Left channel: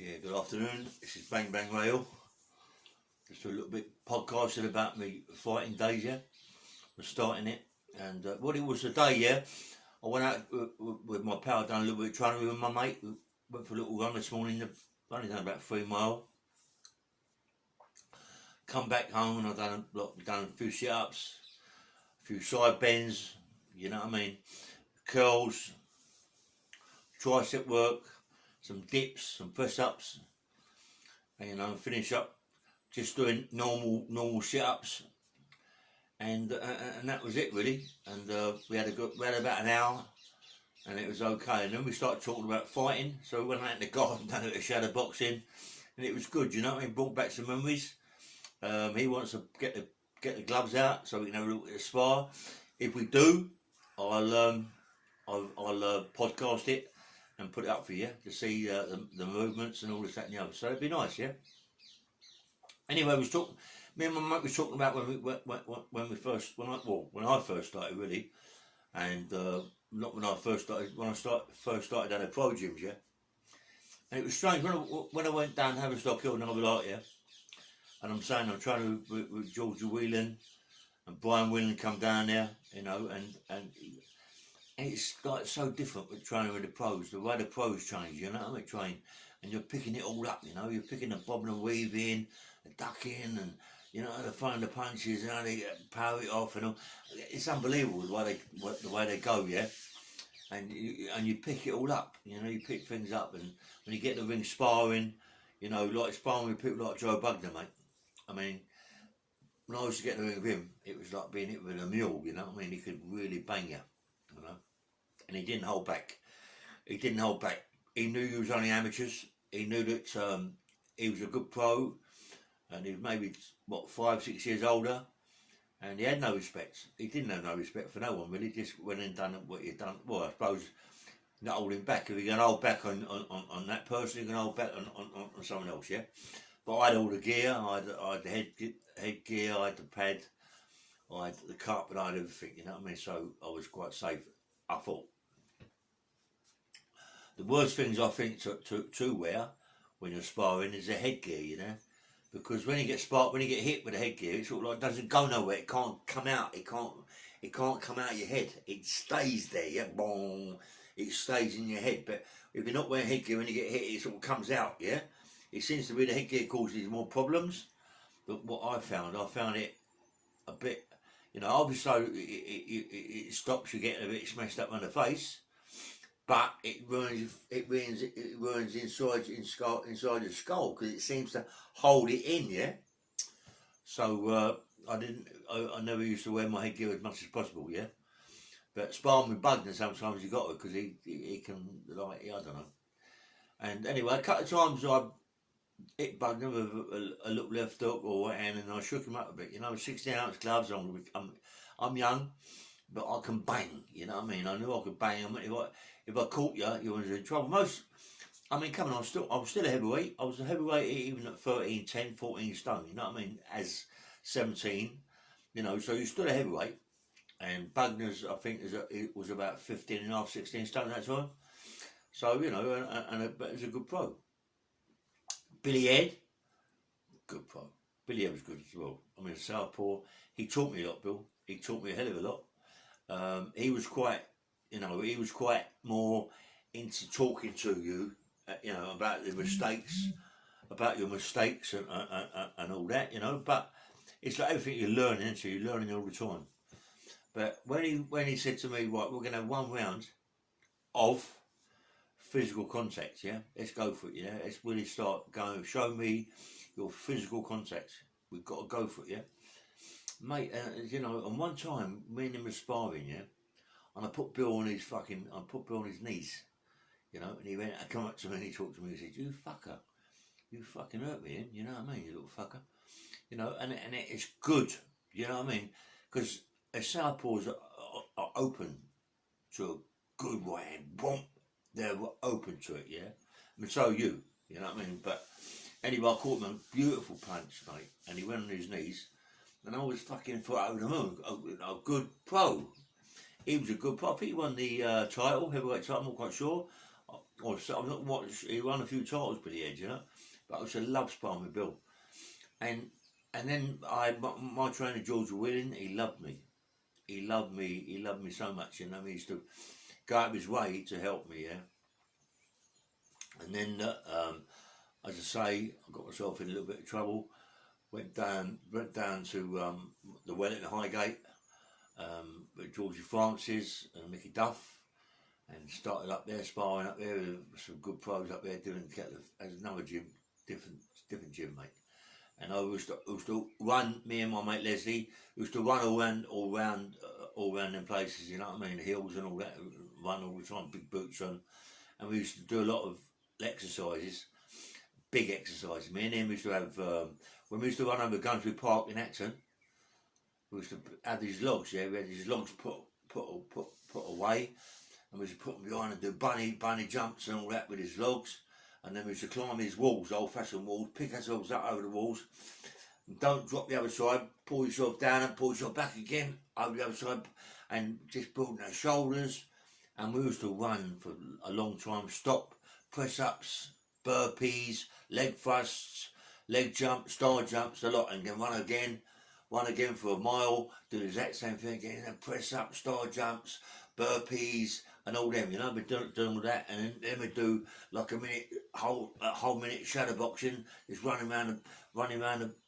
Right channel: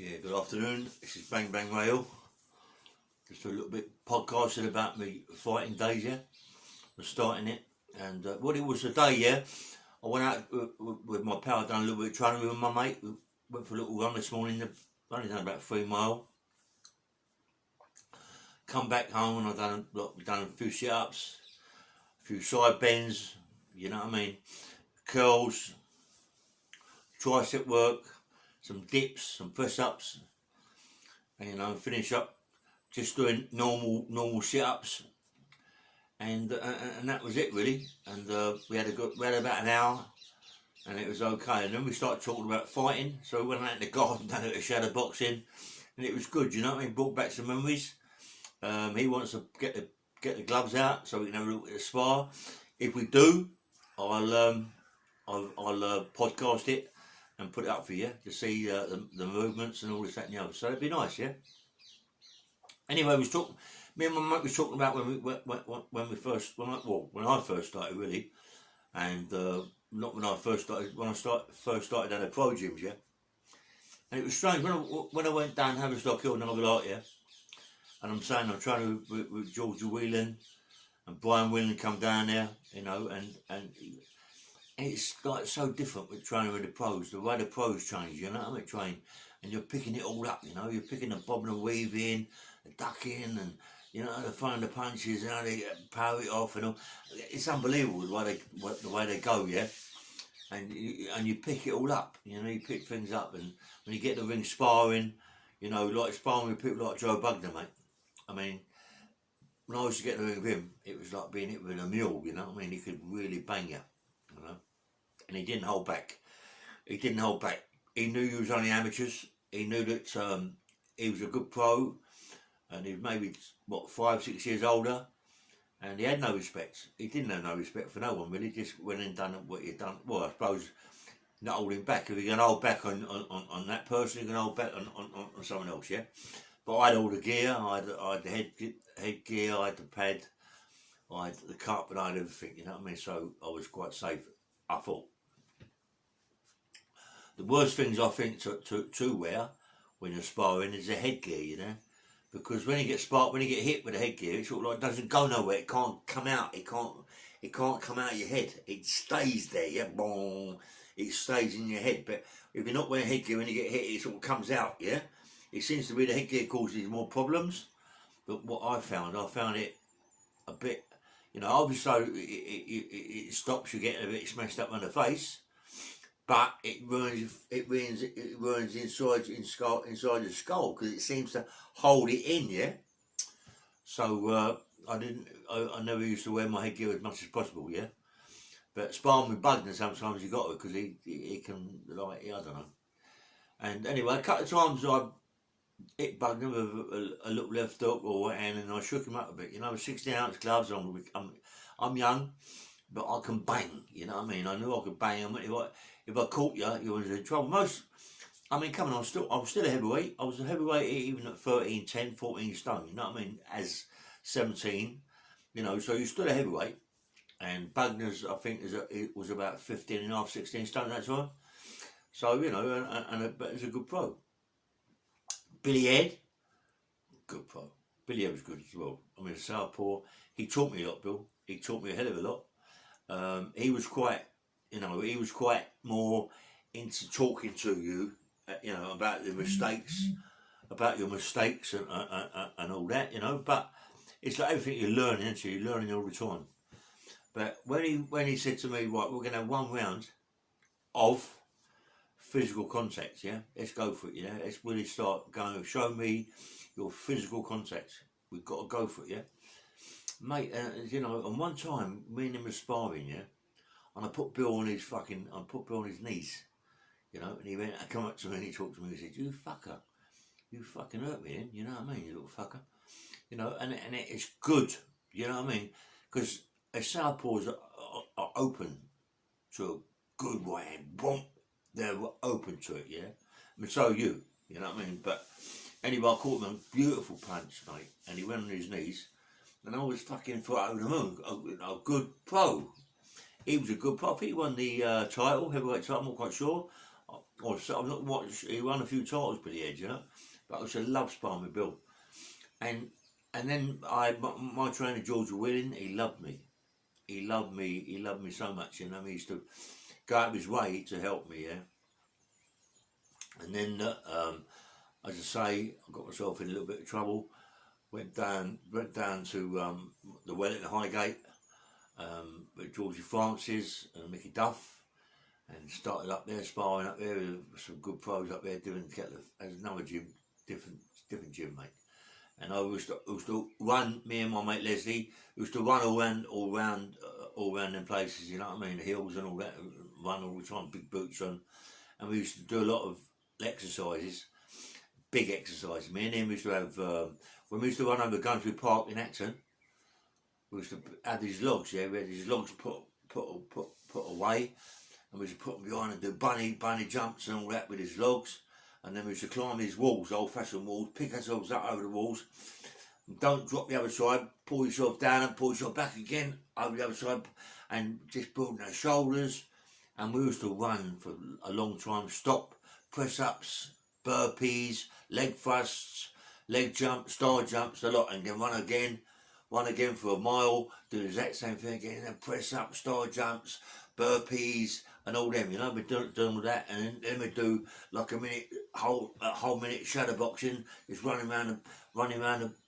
Yeah, good afternoon. This is Bang Bang Rail. Just a little bit podcasting about me fighting days, yeah. We're starting it. And what it was today, yeah, I went out with my pal, done a little bit of training with my mate. We went for a little run this morning, only done about 3 miles. Come back home and I've done a few sit-ups, a few side bends, you know what I mean, curls, tricep work, some dips, some press-ups, and finish up just doing normal sit-ups, and that was it really. And we had about an hour, and it was okay. And then we started talking about fighting, so we went out in the garden, done a bit of shadow boxing, and it was good. You know what I mean? Brought back some memories. He wants to get the gloves out so we can have a little bit of spar. If we do, I'll podcast it and put it up for you to see the movements and all this, that, and the other. So it'd be nice, yeah. Anyway, me and my mate was talking about when I first started really, and not when I first started. When I first started at the pro gyms, yeah. And it was strange when I went down Haverstock Hill and I was like, yeah. And I'm saying I'm trying to with Georgia Whelan and Brian Whelan come down there, you know, and it's like so different with training with the pros. The way the pros change, you know what I mean, train, and you're picking it all up, you know, you're picking the bob and the weave in, the ducking, and you know, they're throwing the punches, and how they power it off, and all. It's unbelievable the way they go, yeah. And you pick it all up, you know, you pick things up, and when you get the ring sparring, you know, like sparring with people like Joe Bugner, mate. I mean, when I used to get the ring with him, it was like being hit with a mule, you know what I mean? He could really bang you, you know. And he didn't hold back. He knew he was only amateurs. He knew that he was a good pro, and he was maybe 5-6 years older, and he had no respect. He didn't have no respect for no one really. Just went and done what he'd done. Well, I suppose not holding back. If you're going to hold back on that person, you're going to hold back on someone else, yeah. But I had all the gear. I had the headgear. I had the pad. I had the cup, and I had everything. You know what I mean? So I was quite safe, I thought. The worst things I think to wear when you're sparring is the headgear, you know, because when you get hit with the headgear, it sort of like doesn't go nowhere. It can't come out. It can't come out of your head. It stays there. Yeah, boom. It stays in your head. But if you're not wearing headgear, when you get hit, it sort of comes out. Yeah, it seems to be the headgear causes more problems. But what I found it a bit, you know, obviously it stops you getting a bit smashed up on the face. But it ruins inside the skull because it seems to hold it in, yeah. So I never used to wear my headgear as much as possible, yeah. But sparring with Bugner sometimes you got to, because he can, like, I don't know. And anyway, a couple of times I hit Bugner with a little left hook or right hand, and I shook him up a bit. You know, 16-ounce gloves. I'm young, but I can bang. You know what I mean? I knew I could bang. If I caught you, you were in trouble. Come on, I was still a heavyweight. I was a heavyweight even at 13, 10, 14 stone, you know what I mean, as 17, you know, so you're still a heavyweight. And Bugner's, I think, it was about 15 and a half, 16 stone that time. So, you know, but it's a good pro. Billy Ed, good pro. Billy Ed was good as well. I mean, southpaw. He taught me a lot, Bill. He taught me a hell of a lot. He was quite more into talking to you, you know, about your mistakes and all that, you know. But it's like everything you're learning, so you're learning all the time. But when he said to me, right, we're going to have 1 round of physical contact, yeah, let's go for it, yeah, let's really start going, show me your physical contact, we've got to go for it, yeah, mate. You know, and one time me and him were sparring, yeah, and I put Bill on his knees, you know, and he come up to me and he talked to me and he said, you fucking hurt me, you know what I mean, you little fucker, you know, and it's good, you know what I mean, because if southpaws are open to a good right hand, boom, they're open to it, yeah, I mean, so you know what I mean. But anyway, I caught him a beautiful punch, mate, and he went on his knees, and I was fucking foot over the moon, a good pro. He was a good pro. He won the title, heavyweight title, I'm not quite sure. or so, I'm not watched. He won a few titles, Billy Edge, you know. But I also love sparring with Bill, and then my trainer George Willing, he loved me. He loved me. He loved me so much, you know. He used to go out of his way to help me, yeah. And then, as I say, I got myself in a little bit of trouble. Went down to the Wellington Highgate with Georgie Francis and Mickey Duff, and started up there, sparring up there with some good pros up there doing as another gym, different gym, mate. And I used to run, me and my mate Leslie used to run all round them places, you know what I mean, the hills and all that, run all the time, big boots on, and we used to do a lot of exercises, big exercises. Me and him used to have, when we used to run over Gunsbury Park in Acton, we used to have these logs, yeah, we had these logs put away, and we used to put them behind and do bunny jumps and all that with these logs. And then we used to climb these walls, old-fashioned walls, pick ourselves up over the walls, and don't drop the other side, pull yourself down and pull yourself back again over the other side, and just building our shoulders. And we used to run for a long time, stop, press-ups, burpees, leg thrusts, leg jumps, star jumps, a lot, and then run again for a mile, do the exact same thing again, and press up, star jumps, burpees, and all them, you know, we're doing all that, and then we do like a whole minute shadow boxing, just running around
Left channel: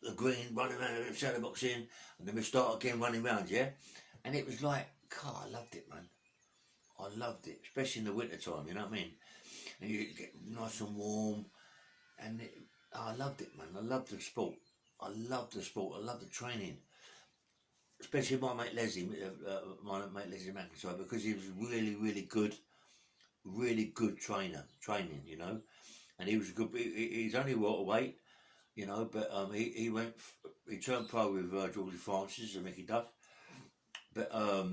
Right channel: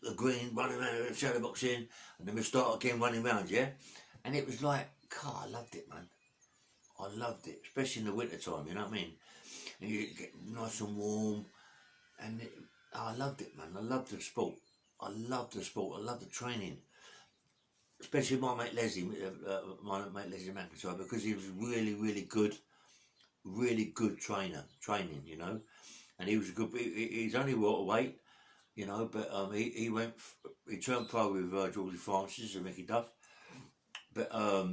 the green, running around the shadow boxing, and then we start again running around, yeah, and it was like, God, I loved it, man, I loved it, especially in the winter time, you know what I mean, and you get nice and warm, and I loved it, man, I loved the sport, I loved the training. Especially my mate Leslie McIntyre, because he was really good training, you know, and he was a good. He's only waterweight, you know, but he turned pro with Georgie Francis and Mickey Duff, but I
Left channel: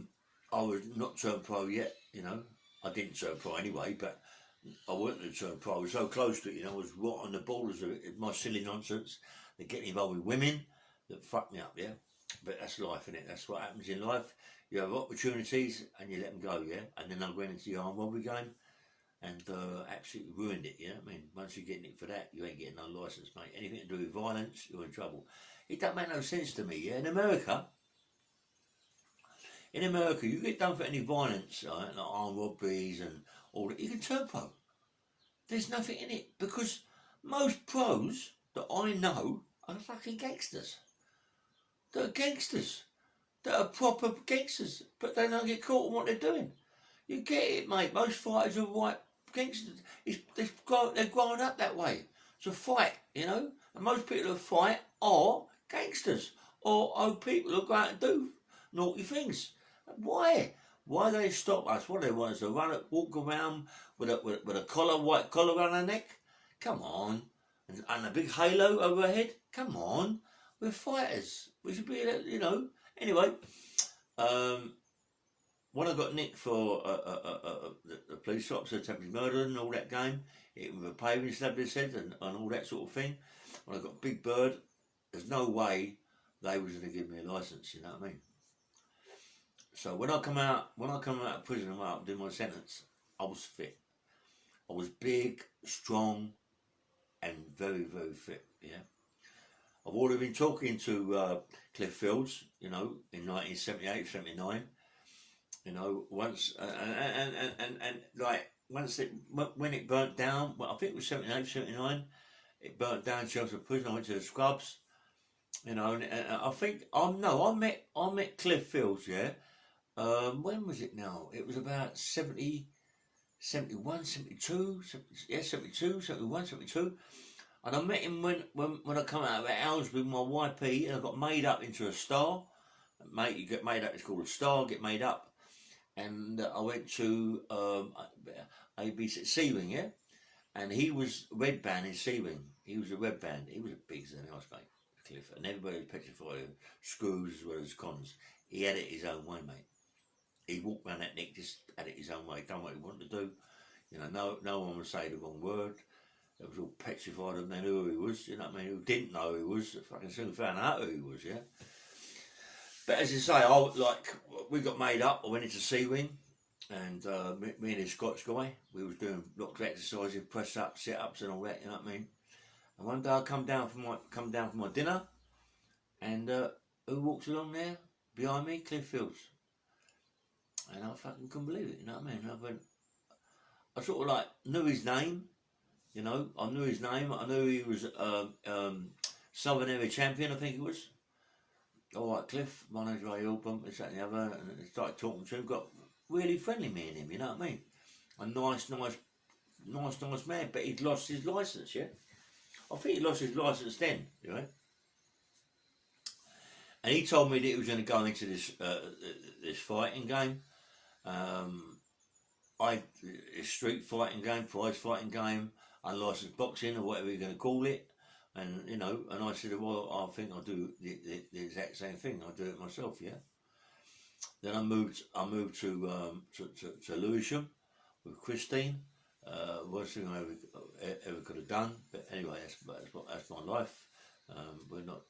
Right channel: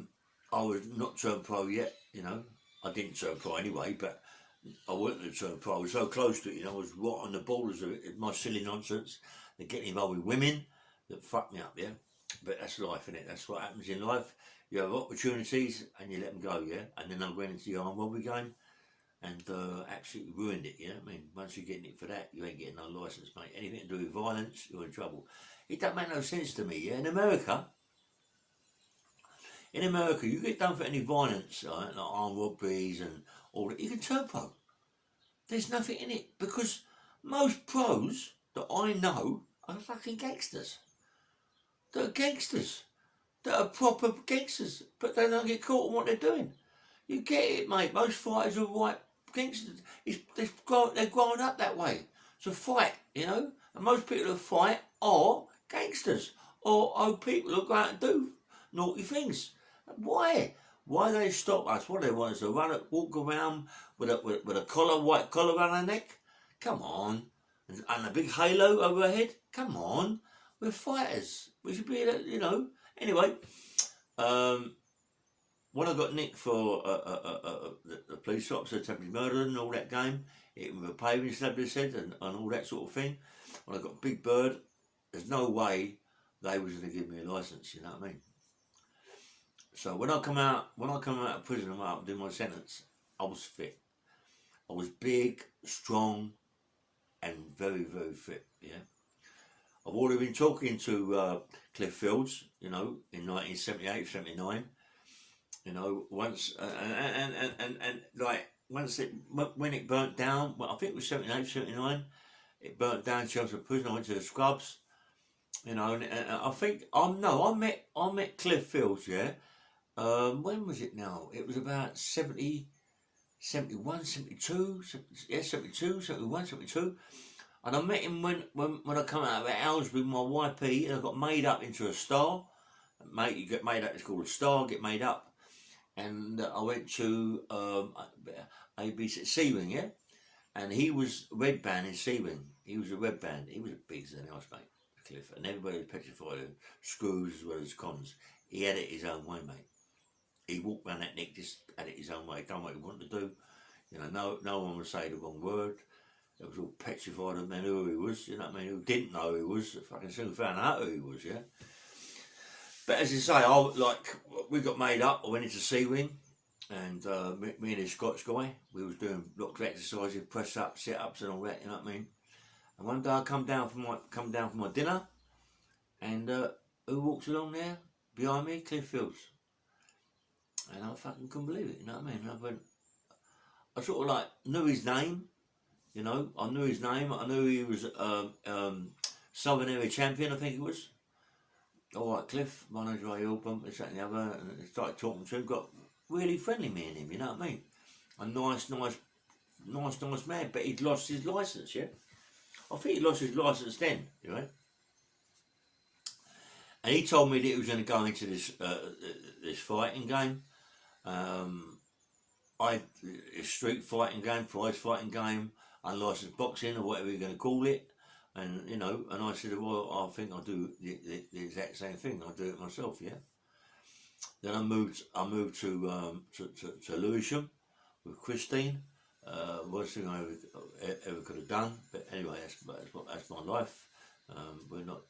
was not turned pro yet, you know. I didn't turn pro anyway, but I wanted to turn pro. I was so close to it, you know. I was right on the borders of it. My silly nonsense, they getting involved with women that fucked me up, yeah. But that's life, isn't it? That's what happens in life. You have opportunities and you let them go, yeah? And then I went into the armed robbery game and absolutely ruined it, yeah? I mean, once you're getting it for that, you ain't getting no licence, mate. Anything to do with violence, you're in trouble. It don't make no sense to me, yeah? In America, you get done for any violence, like armed robberies and all that, you can turn pro. There's nothing in it because most pros that I know are fucking gangsters. They're gangsters. They're proper gangsters, but they don't get caught on what they're doing. You get it, mate. Most fighters are white gangsters. They're growing up that way. It's a fight, you know. And most people who fight are gangsters or people who go out and do naughty things. Why? Why they stop us? What they want us to walk around with a collar, white collar around our neck? Come on. And a big halo over our head? Come on. We're fighters. We should be, you know. Anyway, when I got nicked for the police officer attempted murder and all that game, it was a paving slab, they said, and all that sort of thing. When I got Big Bird, there's no way they was going to give me a licence, you know what I mean? So when I come out of prison and I did my sentence, I was fit. I was big, strong, and very fit, yeah. I've already been talking to Cliff Fields, you know, in 1978, 79. You know, once and like once when it burnt down, well, I think it was 78, 79. It burnt down Chelmsford Prison. I went to the Scrubs, you know, and I think I met Cliff Fields, yeah. When was it now? It was about 70, 71, 72, yeah, 72, 71, 72. And I met him when I come out of Owls with my YP, and I got made up into a star. Mate, you get made up, it's called a star, get made up. And I went to ABC Seawing, yeah? And he was red band in Seawing. He was a red band. He was big as an house, mate, Cliff. And everybody was petrified of screws as well as cons. He had it his own way, mate. He walked around that neck, just had it his own way, done what he wanted to do. You know, no one would say the wrong word. They was all petrified of men who he was, you know what I mean, who didn't know who he was, fucking soon found out who he was, yeah. But as you say, we got made up, I went into Seawing, and me and this Scotch guy, we was doing lots of exercises, press ups, sit ups, and all that. You know what I mean? And one day I come down from my dinner, and who walks along there behind me? Cliff Fields. And I fucking couldn't believe it. You know what I mean? I sort of like knew his name. You know, I knew his name. I knew he was Southern Area champion, I think he was. All right, Cliff, my name's Ray Album, this, that and the other. And I started talking to him, got really friendly, me and him, you know what I mean? A nice man, but he'd lost his licence, yeah? I think he lost his licence then, you know? And he told me that he was going to go into this fighting game. Street fighting game, prize fighting game, unlicensed boxing, or whatever you're going to call it. And, you know, and I said, well, I think I'll do the exact same thing. I'll do it myself, yeah? Then I moved to Lewisham with Christine. Worst thing I ever could have done. But anyway, that's my life.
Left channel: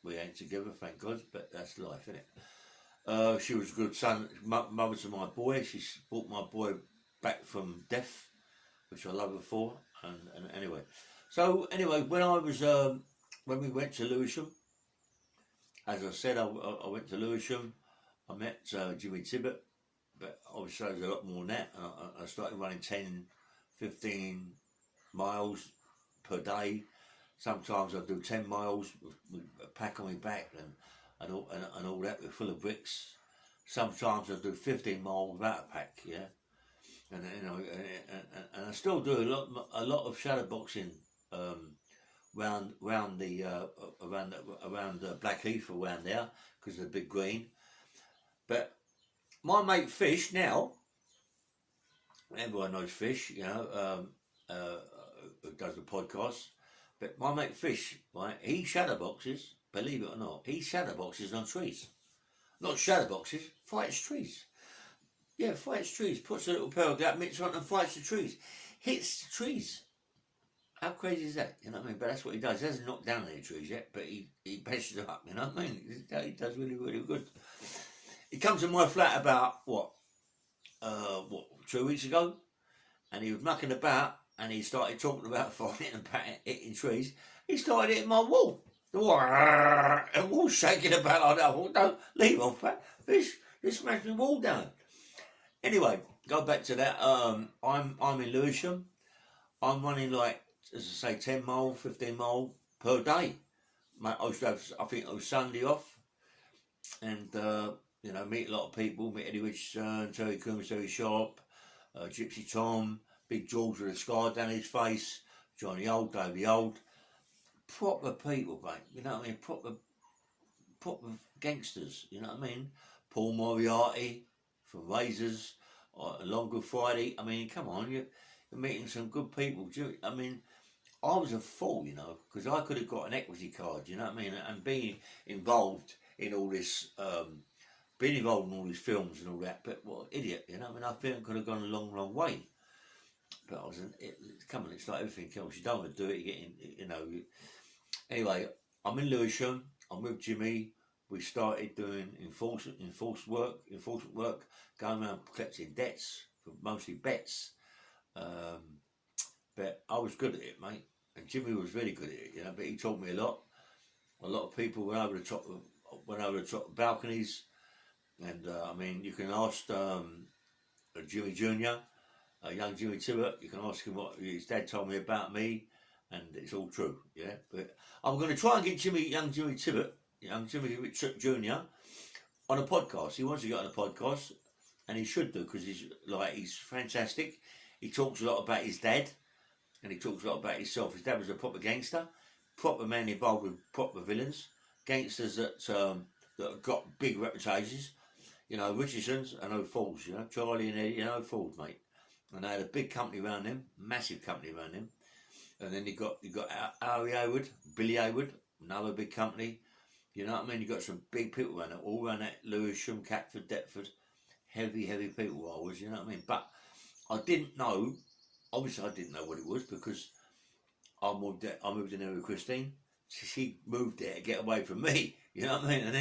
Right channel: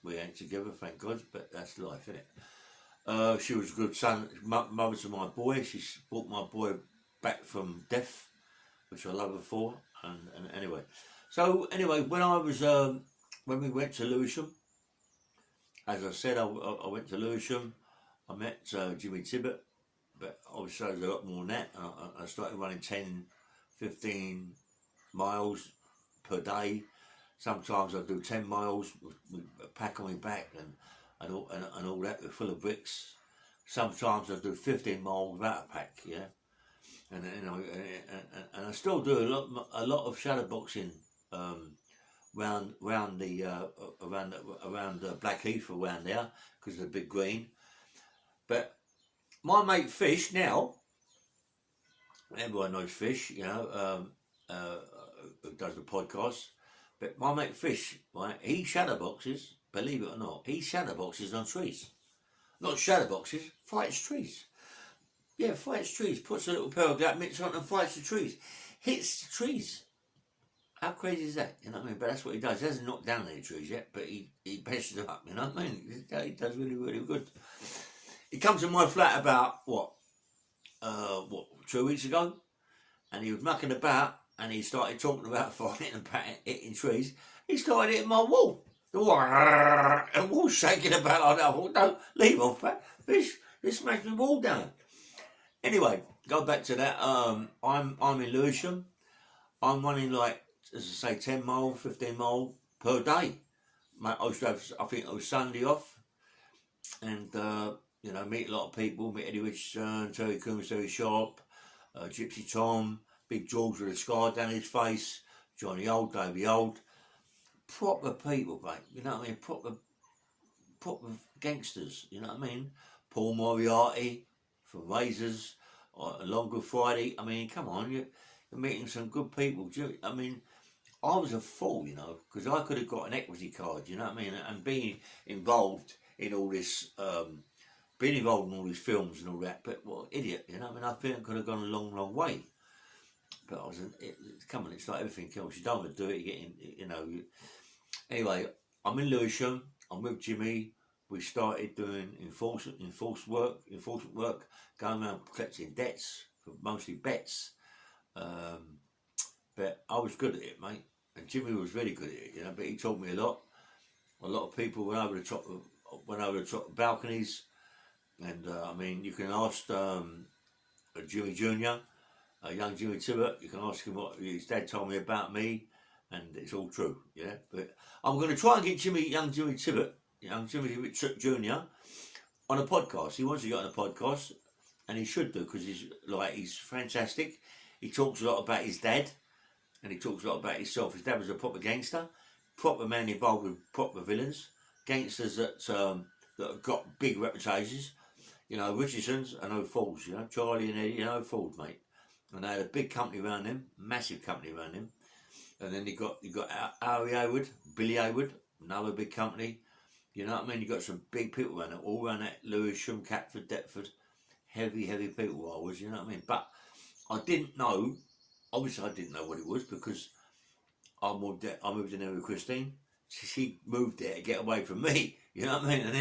We ain't together, thank God, but that's life, isn't it? She was a good mother to my boy. She brought my boy back from death, which I love her for. And anyway, when we went to Lewisham, as I said, I went to Lewisham. I met Jimmy Tibbet, but obviously there's a lot more than that. I started running 10, 15 miles per day. Sometimes I do 10 miles with a pack on my back and all that, full of bricks. Sometimes I do 15 miles without a pack, yeah. And you know, and I still do a lot of shadow boxing around Blackheath, around there, because of the big green. But my mate Fish now, everyone knows Fish, you know, who does the podcast. But my mate Fish, right, he shadow boxes, believe it or not, he shadow boxes on trees. Not shadow boxes, fights trees. Yeah, fights trees, puts a little pair of gut mitts on and fights the trees. Hits the trees. How crazy is that? You know what I mean? But that's what he does. He hasn't knocked down any trees yet, but he patches them up, you know what I mean? He does really, really good. He comes to my flat about, 2 weeks ago, and he was mucking about, and he started talking about fighting and hitting trees. He started hitting my wall. The wall shaking about like that. I thought, don't leave off that. Fish, just smash the wall down. Anyway, go back to that. I'm in Lewisham. I'm running like, as I say, 10 mile, 15 mile per day. I used to have, I think it was Sunday off, and you know, meet a lot of people. Meet Eddie Richardson, Terry Coombs, Terry Sharp, Gypsy Tom, Big George with a scar down his face, Johnny Old, Davey Old, proper people, mate. You know what I mean? Proper gangsters. You know what I mean? Paul Moriarty from Razors, Long Good Friday. I mean, come on, you're meeting some good people. I mean, I was a fool, you know, because I could have got an equity card, you know what I mean, and being involved in all this, being involved in all these films and all that. But what an idiot, you know. I mean, I think I could have gone a long, long way. But I was, come on, it's like everything else. You don't want to do it. You get, you know. Anyway, I'm in Lewisham. I'm with Jimmy. We started doing enforcement work, going around collecting debts, mostly bets. But I was good at it, mate. And Jimmy was really good at it, you know. But he taught me a lot. A lot of people went over the top of balconies. And I mean, you can ask Jimmy Jr., young Jimmy Tibbet. You can ask him what his dad told me about me, and it's all true, yeah. But I'm going to try and get young Jimmy Tibbet, young Jimmy Jr. on a podcast. He wants to get on a podcast, and he should do, because he's fantastic. He talks a lot about his dad, and he talks a lot about himself. His dad was a proper gangster, proper man involved with proper villains, gangsters that have got big reputations. You know, Richardson's are no fools, you know, Charlie and Eddie are no fools, mate. And they had a big company around them, massive company around them. And then you got Harry Hayward, Billy Hayward, another big company. You know what I mean? You got some big people around it, all around that Lewisham, Catford, Deptford. Heavy people I was, you know what I mean? But I didn't know, obviously I didn't know what it was, because I moved in there with Christine. She moved there to get away from me, you know what I mean? And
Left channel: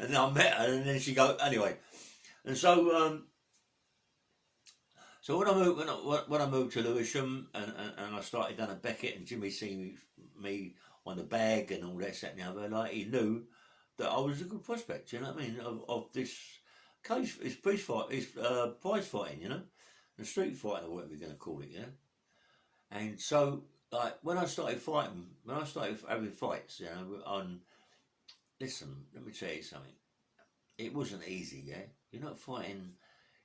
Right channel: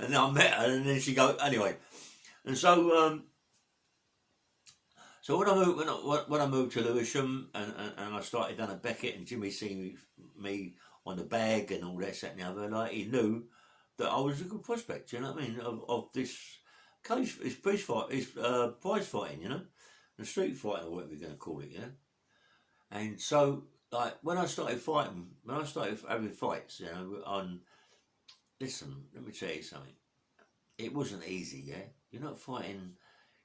then I met her, and then she go, anyway. And so, So when I moved to Lewisham and I started down at Beckett and Jimmy seen me on the bag and all that, and the other, like he knew that I was a good prospect. You know what I mean? Of this case, it's prize fighting, you know, the street fighting or whatever you're going to call it, you know. And so, like when I started having fights, you know, listen, let me tell you something. It wasn't easy, yeah. You're not fighting.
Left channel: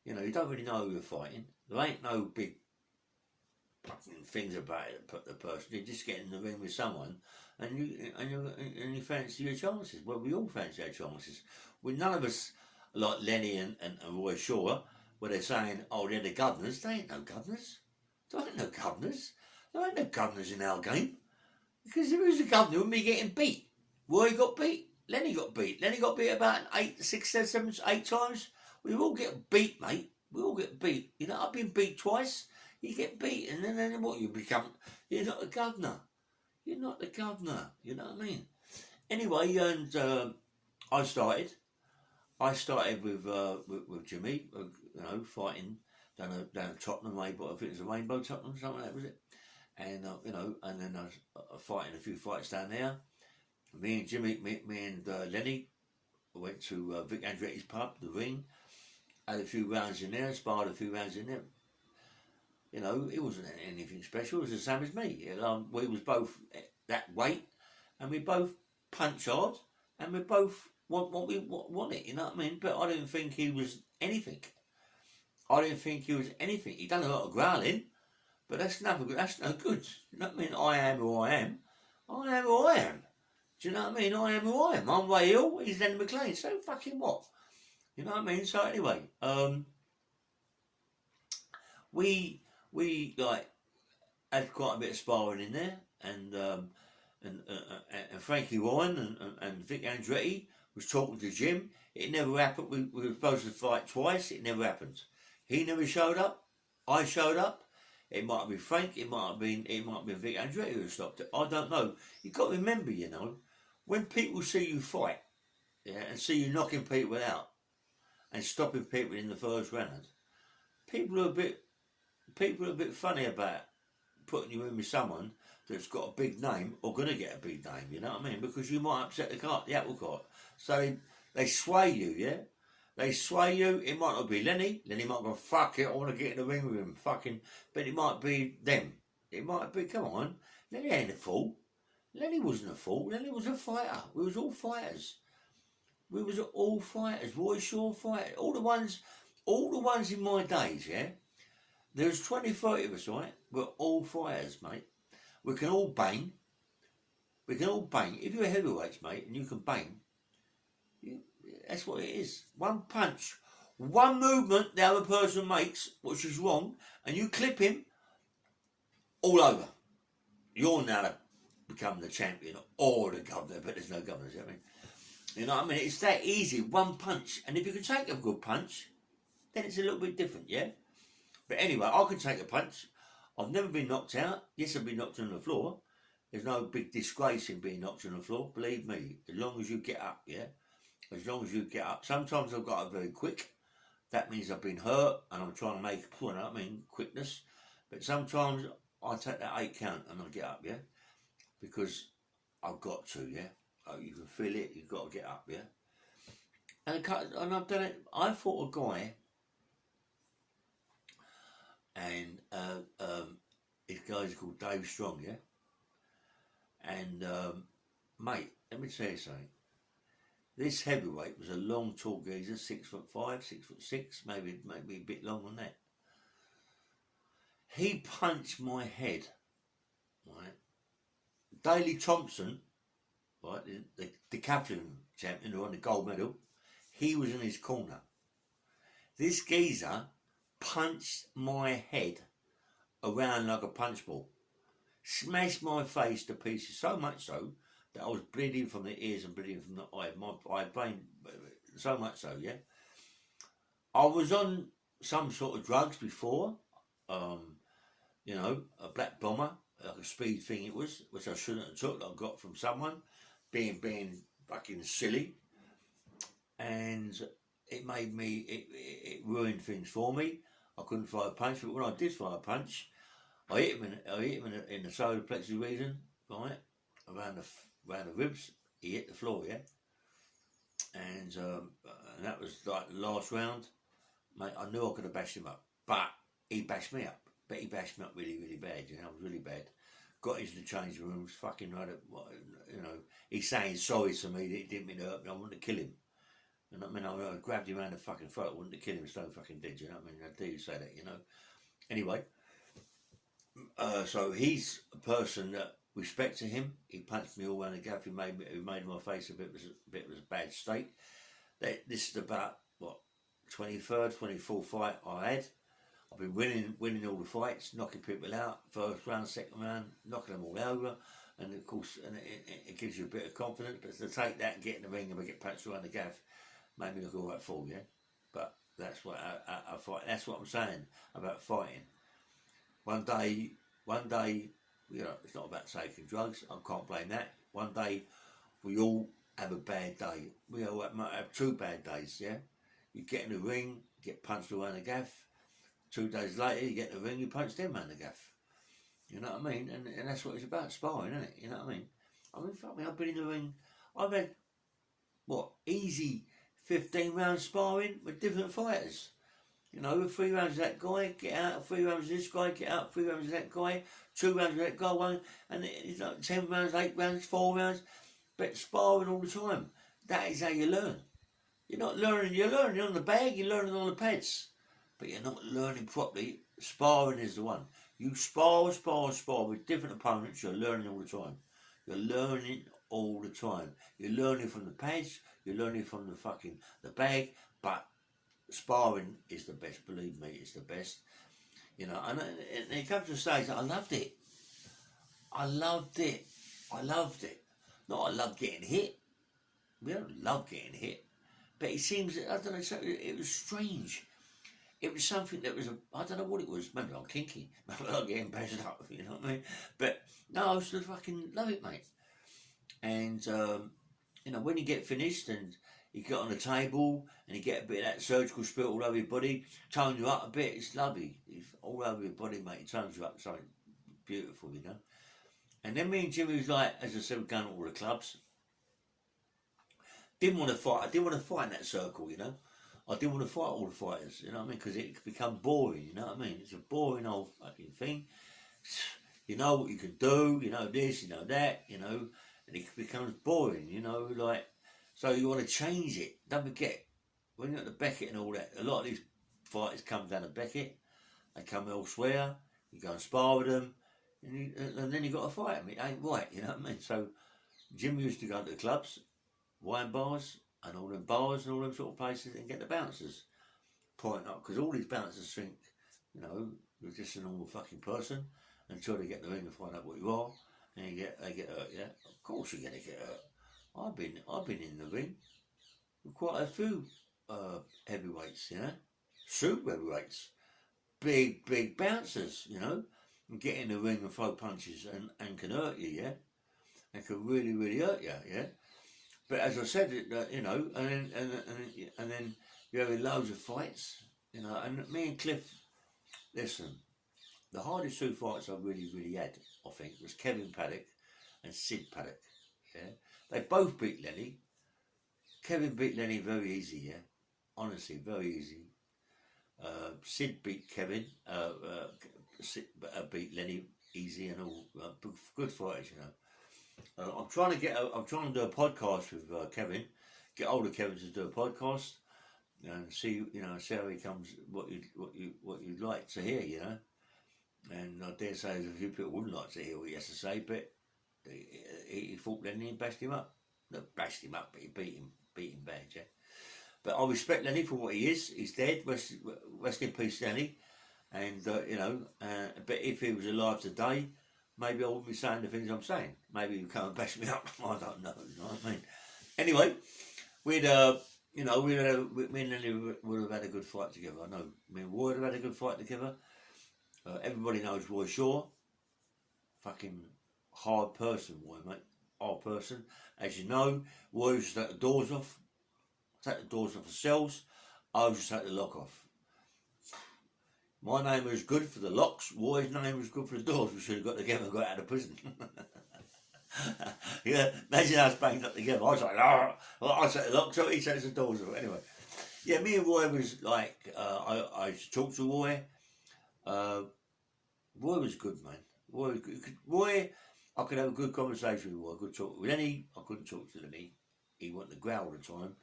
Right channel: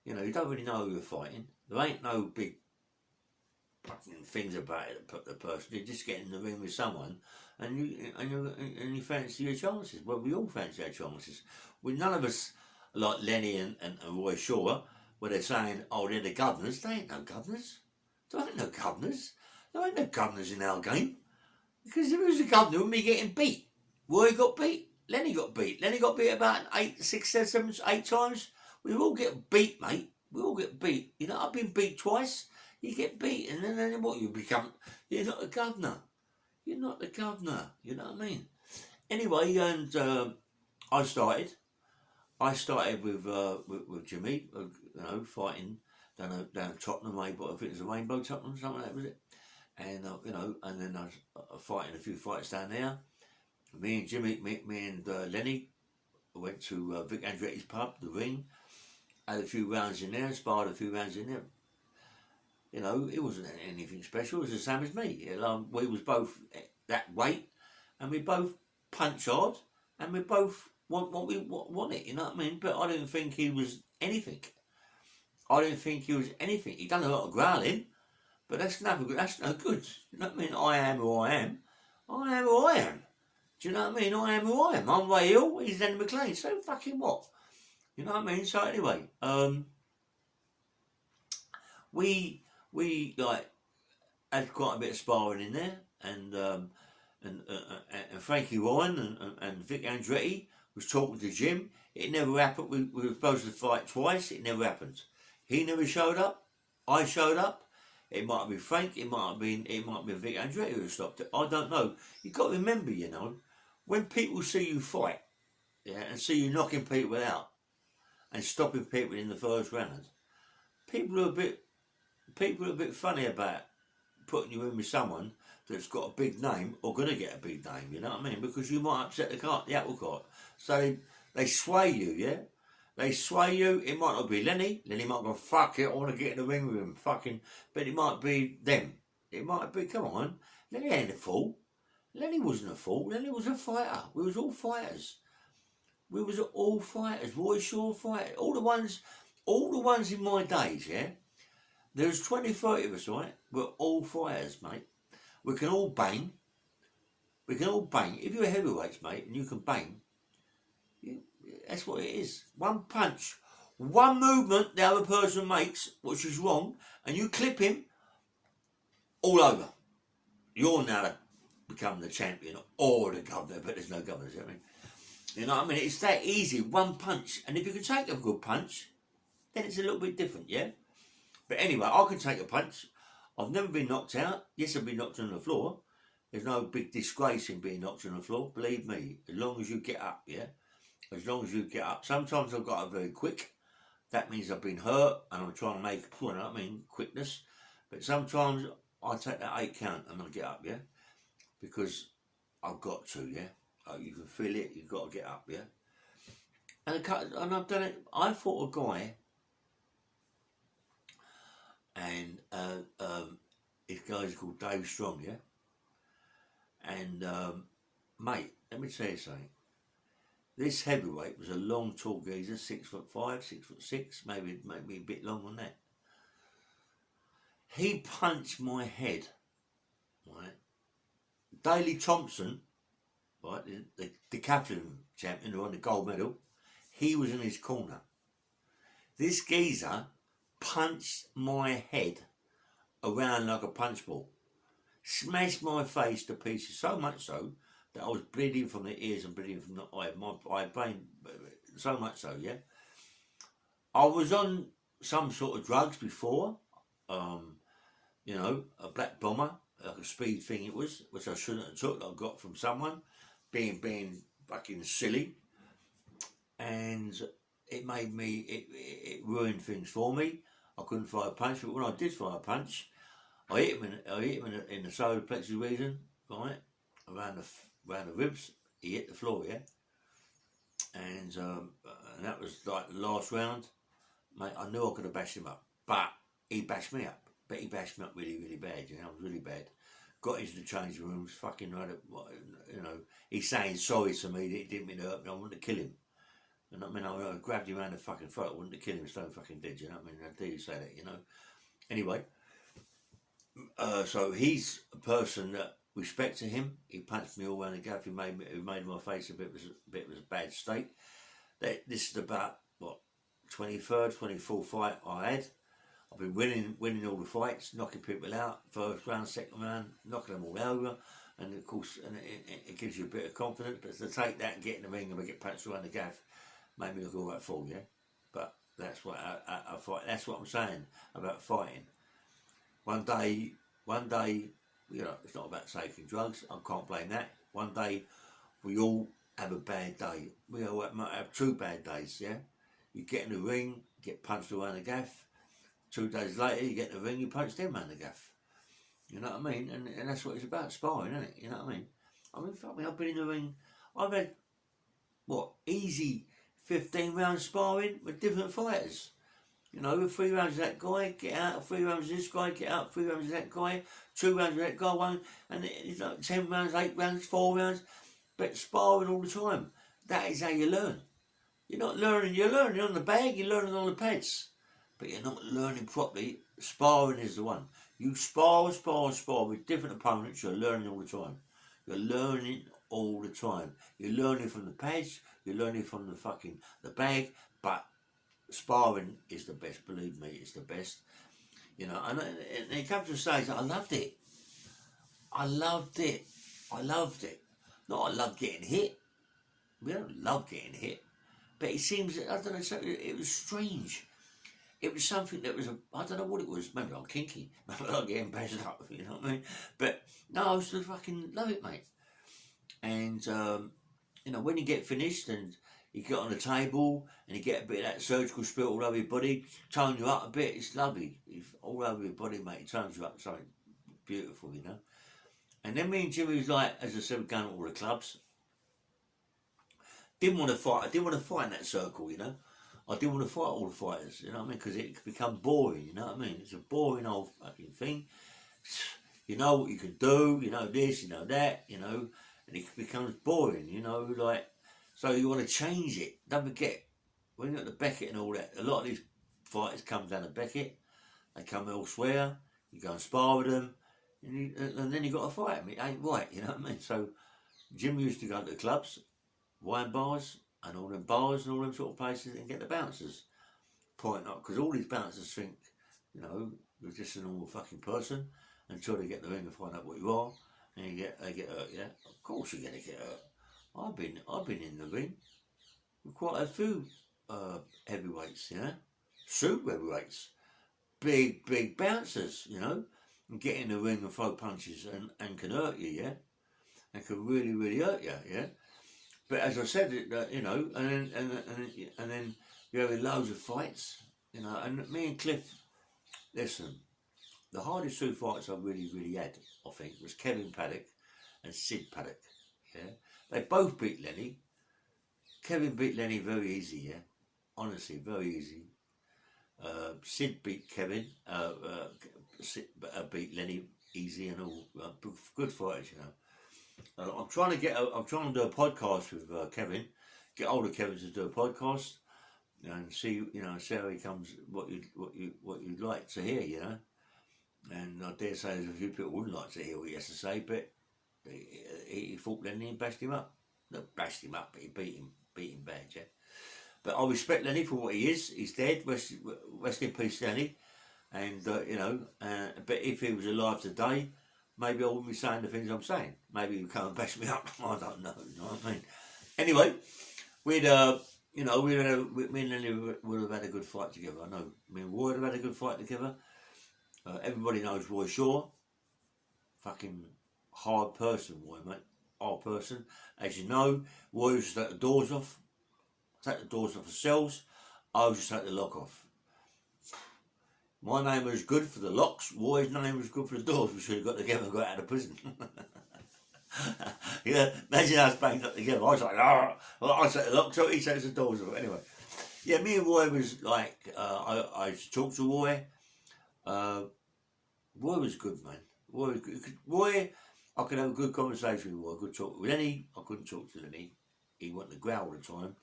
You know, you don't really know who you're fighting. There ain't no big fucking things about it. Put the person. You just get in the ring with someone, and you fancy your chances. Well, we all fancy our chances. None of us like Lenny and Roy Shaw, where they're saying, "Oh, they're the governors." They ain't no governors. There ain't no governors. There ain't no governors in our game. Because if it was a governor, wouldn't be getting beat. Roy got beat. Lenny got beat. Lenny got beat about 8 times. We all get beat, mate. We all get beat. You know, I've been beat twice. You get beat, and then what? You become. You're not the governor. You're not the governor. You know what I mean? Anyway, and I started with Jimmy. You know, fighting down Tottenham way, but I think it was a Rainbow Tottenham, something like that, was it? And you know, and then I was fighting a few fights down there. Me and Jimmy, me and Lenny went to Vic Andretti's pub, the Ring. Had a few rounds in there, sparred a few rounds in there. You know, it wasn't anything special. It was the same as me. We was both that weight, and we both punch hard, and we both want what we want it. You know what I mean? But I didn't think he was anything. He done a lot of growling, but that's no good. You know what I mean? I am who I am. I am who I am. Do you know what I mean? I am who I am. I'm Ray Hill. He's Lenny McLean. So fucking what? You know what I mean? So anyway, we like had quite a bit of sparring in there, and Frankie Ryan and Vic Andretti was talking to Jim. It never happened. We were supposed to fight twice. It never happened. He never showed up. I showed up. It might have been Frank. It might have been Vic Andretti who stopped it. I don't know. You've got to remember, you know, when people see you fight, yeah, and see you knocking people out and stopping people in the first round, people are a bit funny about putting you in with someone that's got a big name or going to get a big name, you know what I mean? Because you might upset the apple cart. So they sway you, yeah? They sway you. It might not be Lenny. Lenny might go, fuck it, I want to get in the ring with him. Fucking, but it might be them. It might be, come on. Lenny ain't a fool. Lenny wasn't a fool. Lenny was a fighter. We was all fighters. Roy Shaw fighter. All the ones in my days, yeah? There's 20, 30 of us, right? We're all fighters, mate. We can all bang. If you're heavyweights, mate, and you can bang, that's what it is. One punch, one movement the other person makes, which is wrong, and you clip him, all over. You're now become the champion or the governor, but there's no governors, I mean. You know what I mean? It's that easy, one punch. And if you can take a good punch, then it's a little bit different, yeah? But anyway, I can take a punch. I've never been knocked out. Yes, I've been knocked on the floor. There's no big disgrace in being knocked on the floor, believe me. As long as you get up, yeah? As long as you get up. Sometimes I've got up very quick. That means I've been hurt and I'm trying to make a point, I mean, quickness. But sometimes I take that 8 count and I get up, yeah? Because I've got to, yeah? You can feel it, you've got to get up, yeah? And I've done it. I fought a guy, and his guy's called Dave Strong, yeah? And, mate, let me tell you something. This heavyweight was a long, tall geezer, 6'5", 6'6", maybe a bit longer than that. He punched my head, right? Daley Thompson, right, the decathlon champion who won the gold medal, he was in his corner. This geezer punched my head around like a punch ball, smashed my face to pieces, so much so that I was bleeding from the ears and bleeding from the eye. My brain, so much so, yeah. I was on some sort of drugs before, you know, a black bomber, like a speed thing it was, which I shouldn't have took, that I got from someone, being fucking silly. And it made me, it ruined things for me. I couldn't throw a punch, but when I did throw a punch, I hit him in the solar plexus region, right, around the ribs. He hit the floor, yeah, and that was like the last round, mate. I knew I could have bashed him up, but he bashed me up. But he bashed me up really, really bad. You know, it was really bad. Got into the changing rooms, fucking right up, you know. He's saying sorry to me that he didn't mean to hurt me. I wanted to kill him. And I mean, I grabbed him around the fucking throat. I wanted to kill him, so fucking dead. You know what I mean? How dare you say that? You know. Anyway, so he's a person that respect to him. He punched me all around the gaff. He made my face a bit of a bad state. This is about what 23rd, 24th fight I had. I've been winning all the fights, knocking people out, first round, second round, knocking them all over, and of course, it gives you a bit of confidence. But to take that, get in the ring, and get punched around the gaff, made me look all right full, yeah. But that's what I fight. That's what I'm saying about fighting. One day, you know, it's not about taking drugs. I can't blame that. One day, we all have a bad day. We all might have 2 bad days, yeah. You get in the ring, get punched around the gaff. 2 days later, you get in the ring, you punch them around the gaff. You know what I mean? And that's what it's about, sparring, isn't it? You know what I mean? Fuck me, I've been in the ring. I've had, easy 15 rounds sparring with different fighters. You know, 3 rounds of that guy, get out, 3 rounds of this guy, get out, 3 rounds of that guy, 2 rounds of that guy, one, and it's like 10 rounds, 8 rounds, 4 rounds, but sparring all the time. That is how you learn. You're not learning, you're learning on the bag, you're learning on the pads, but you're not learning properly. Sparring is the one. You spar with different opponents, you're learning all the time. You're learning all the time. You're learning from the pads, you're learning from the bag, but sparring is the best, believe me, it's the best. You know, and it comes to a stage that I loved it. I loved it. Not I love getting hit. We don't love getting hit. But it seems, I don't know, it was strange. It was something that was, I don't know what it was. Maybe I'm kinky. Maybe I'm getting bashed up, you know what I mean? But no, I used to fucking love it, mate. And, you know, when you get finished and you get on the table and you get a bit of that surgical spirit all over your body, tone you up a bit, it's lovely. It's all over your body, mate. It tones you up, something beautiful, you know. And then me and Jimmy was like, as I said, going to all the clubs. Didn't want to fight. I didn't want to fight in that circle, you know. I didn't want to fight all the fighters, you know what I mean? Because it could become boring, you know what I mean? It's a boring old fucking thing. You know what you can do, you know this, you know that, you know, and it becomes boring, you know, like, so you want to change it. Don't forget, when you're at the Beckett and all that, a lot of these fighters come down to Beckett, they come elsewhere, you go and spar with them, and then you got to fight them. It ain't right, you know what I mean? So Jim used to go to the clubs, wine bars, and all them bars and all them sort of places, and get the bouncers point up, because all these bouncers think, you know, you're just a normal fucking person until they get in the ring and find out what you are, and they get hurt. Yeah, of course you're gonna get hurt. I've been in the ring with quite a few heavyweights, you know, super heavyweights, big bouncers, you know, and get in the ring and throw punches and can hurt you, yeah, and can really hurt you, yeah. But as I said, you know, and then you have loads of fights, you know. And me and Cliff, listen, the hardest 2 fights I really had, I think, was Kevin Paddock and Sid Paddock. Yeah, they both beat Lenny. Kevin beat Lenny very easy, yeah, honestly, very easy. Sid beat Kevin, Sid beat Lenny easy and all. Good fighters, you know. I'm trying to do a podcast with Kevin, get hold of Kevin to do a podcast, and see how he comes, what you'd like to hear, you know. And I dare say there's a few people wouldn't like to hear what he has to say, but he fought Lenny and bashed him up. Not bashed him up, but he beat him bad, yeah. But I respect Lenny for what he is. He's dead. Rest in peace, Lenny. And you know, but if he was alive today, maybe I wouldn't be saying the things I'm saying. Maybe he would come and bash me up. I don't know. You know what I mean? Anyway, me and Lenny would have had a good fight together. I know. Me and Roy would have had a good fight together. Everybody knows Roy Shaw. Fucking hard person, Roy, mate. Hard person. As you know, Roy used to take the doors off. Take the doors off the cells. I used to take the lock off. My name was good for the locks. Roy's name was good for the doors. We should have got together and got out of prison. Yeah, imagine us banged up together. I was like, oh, I set the locks up, he sets the doors up. Anyway, yeah, me and Roy was like, I used to talk to Roy. Uh, Roy was good, man. Roy was good. Roy, I could have a good conversation with Roy. I could talk with Lenny. I couldn't talk to Lenny. He wanted to growl all the time.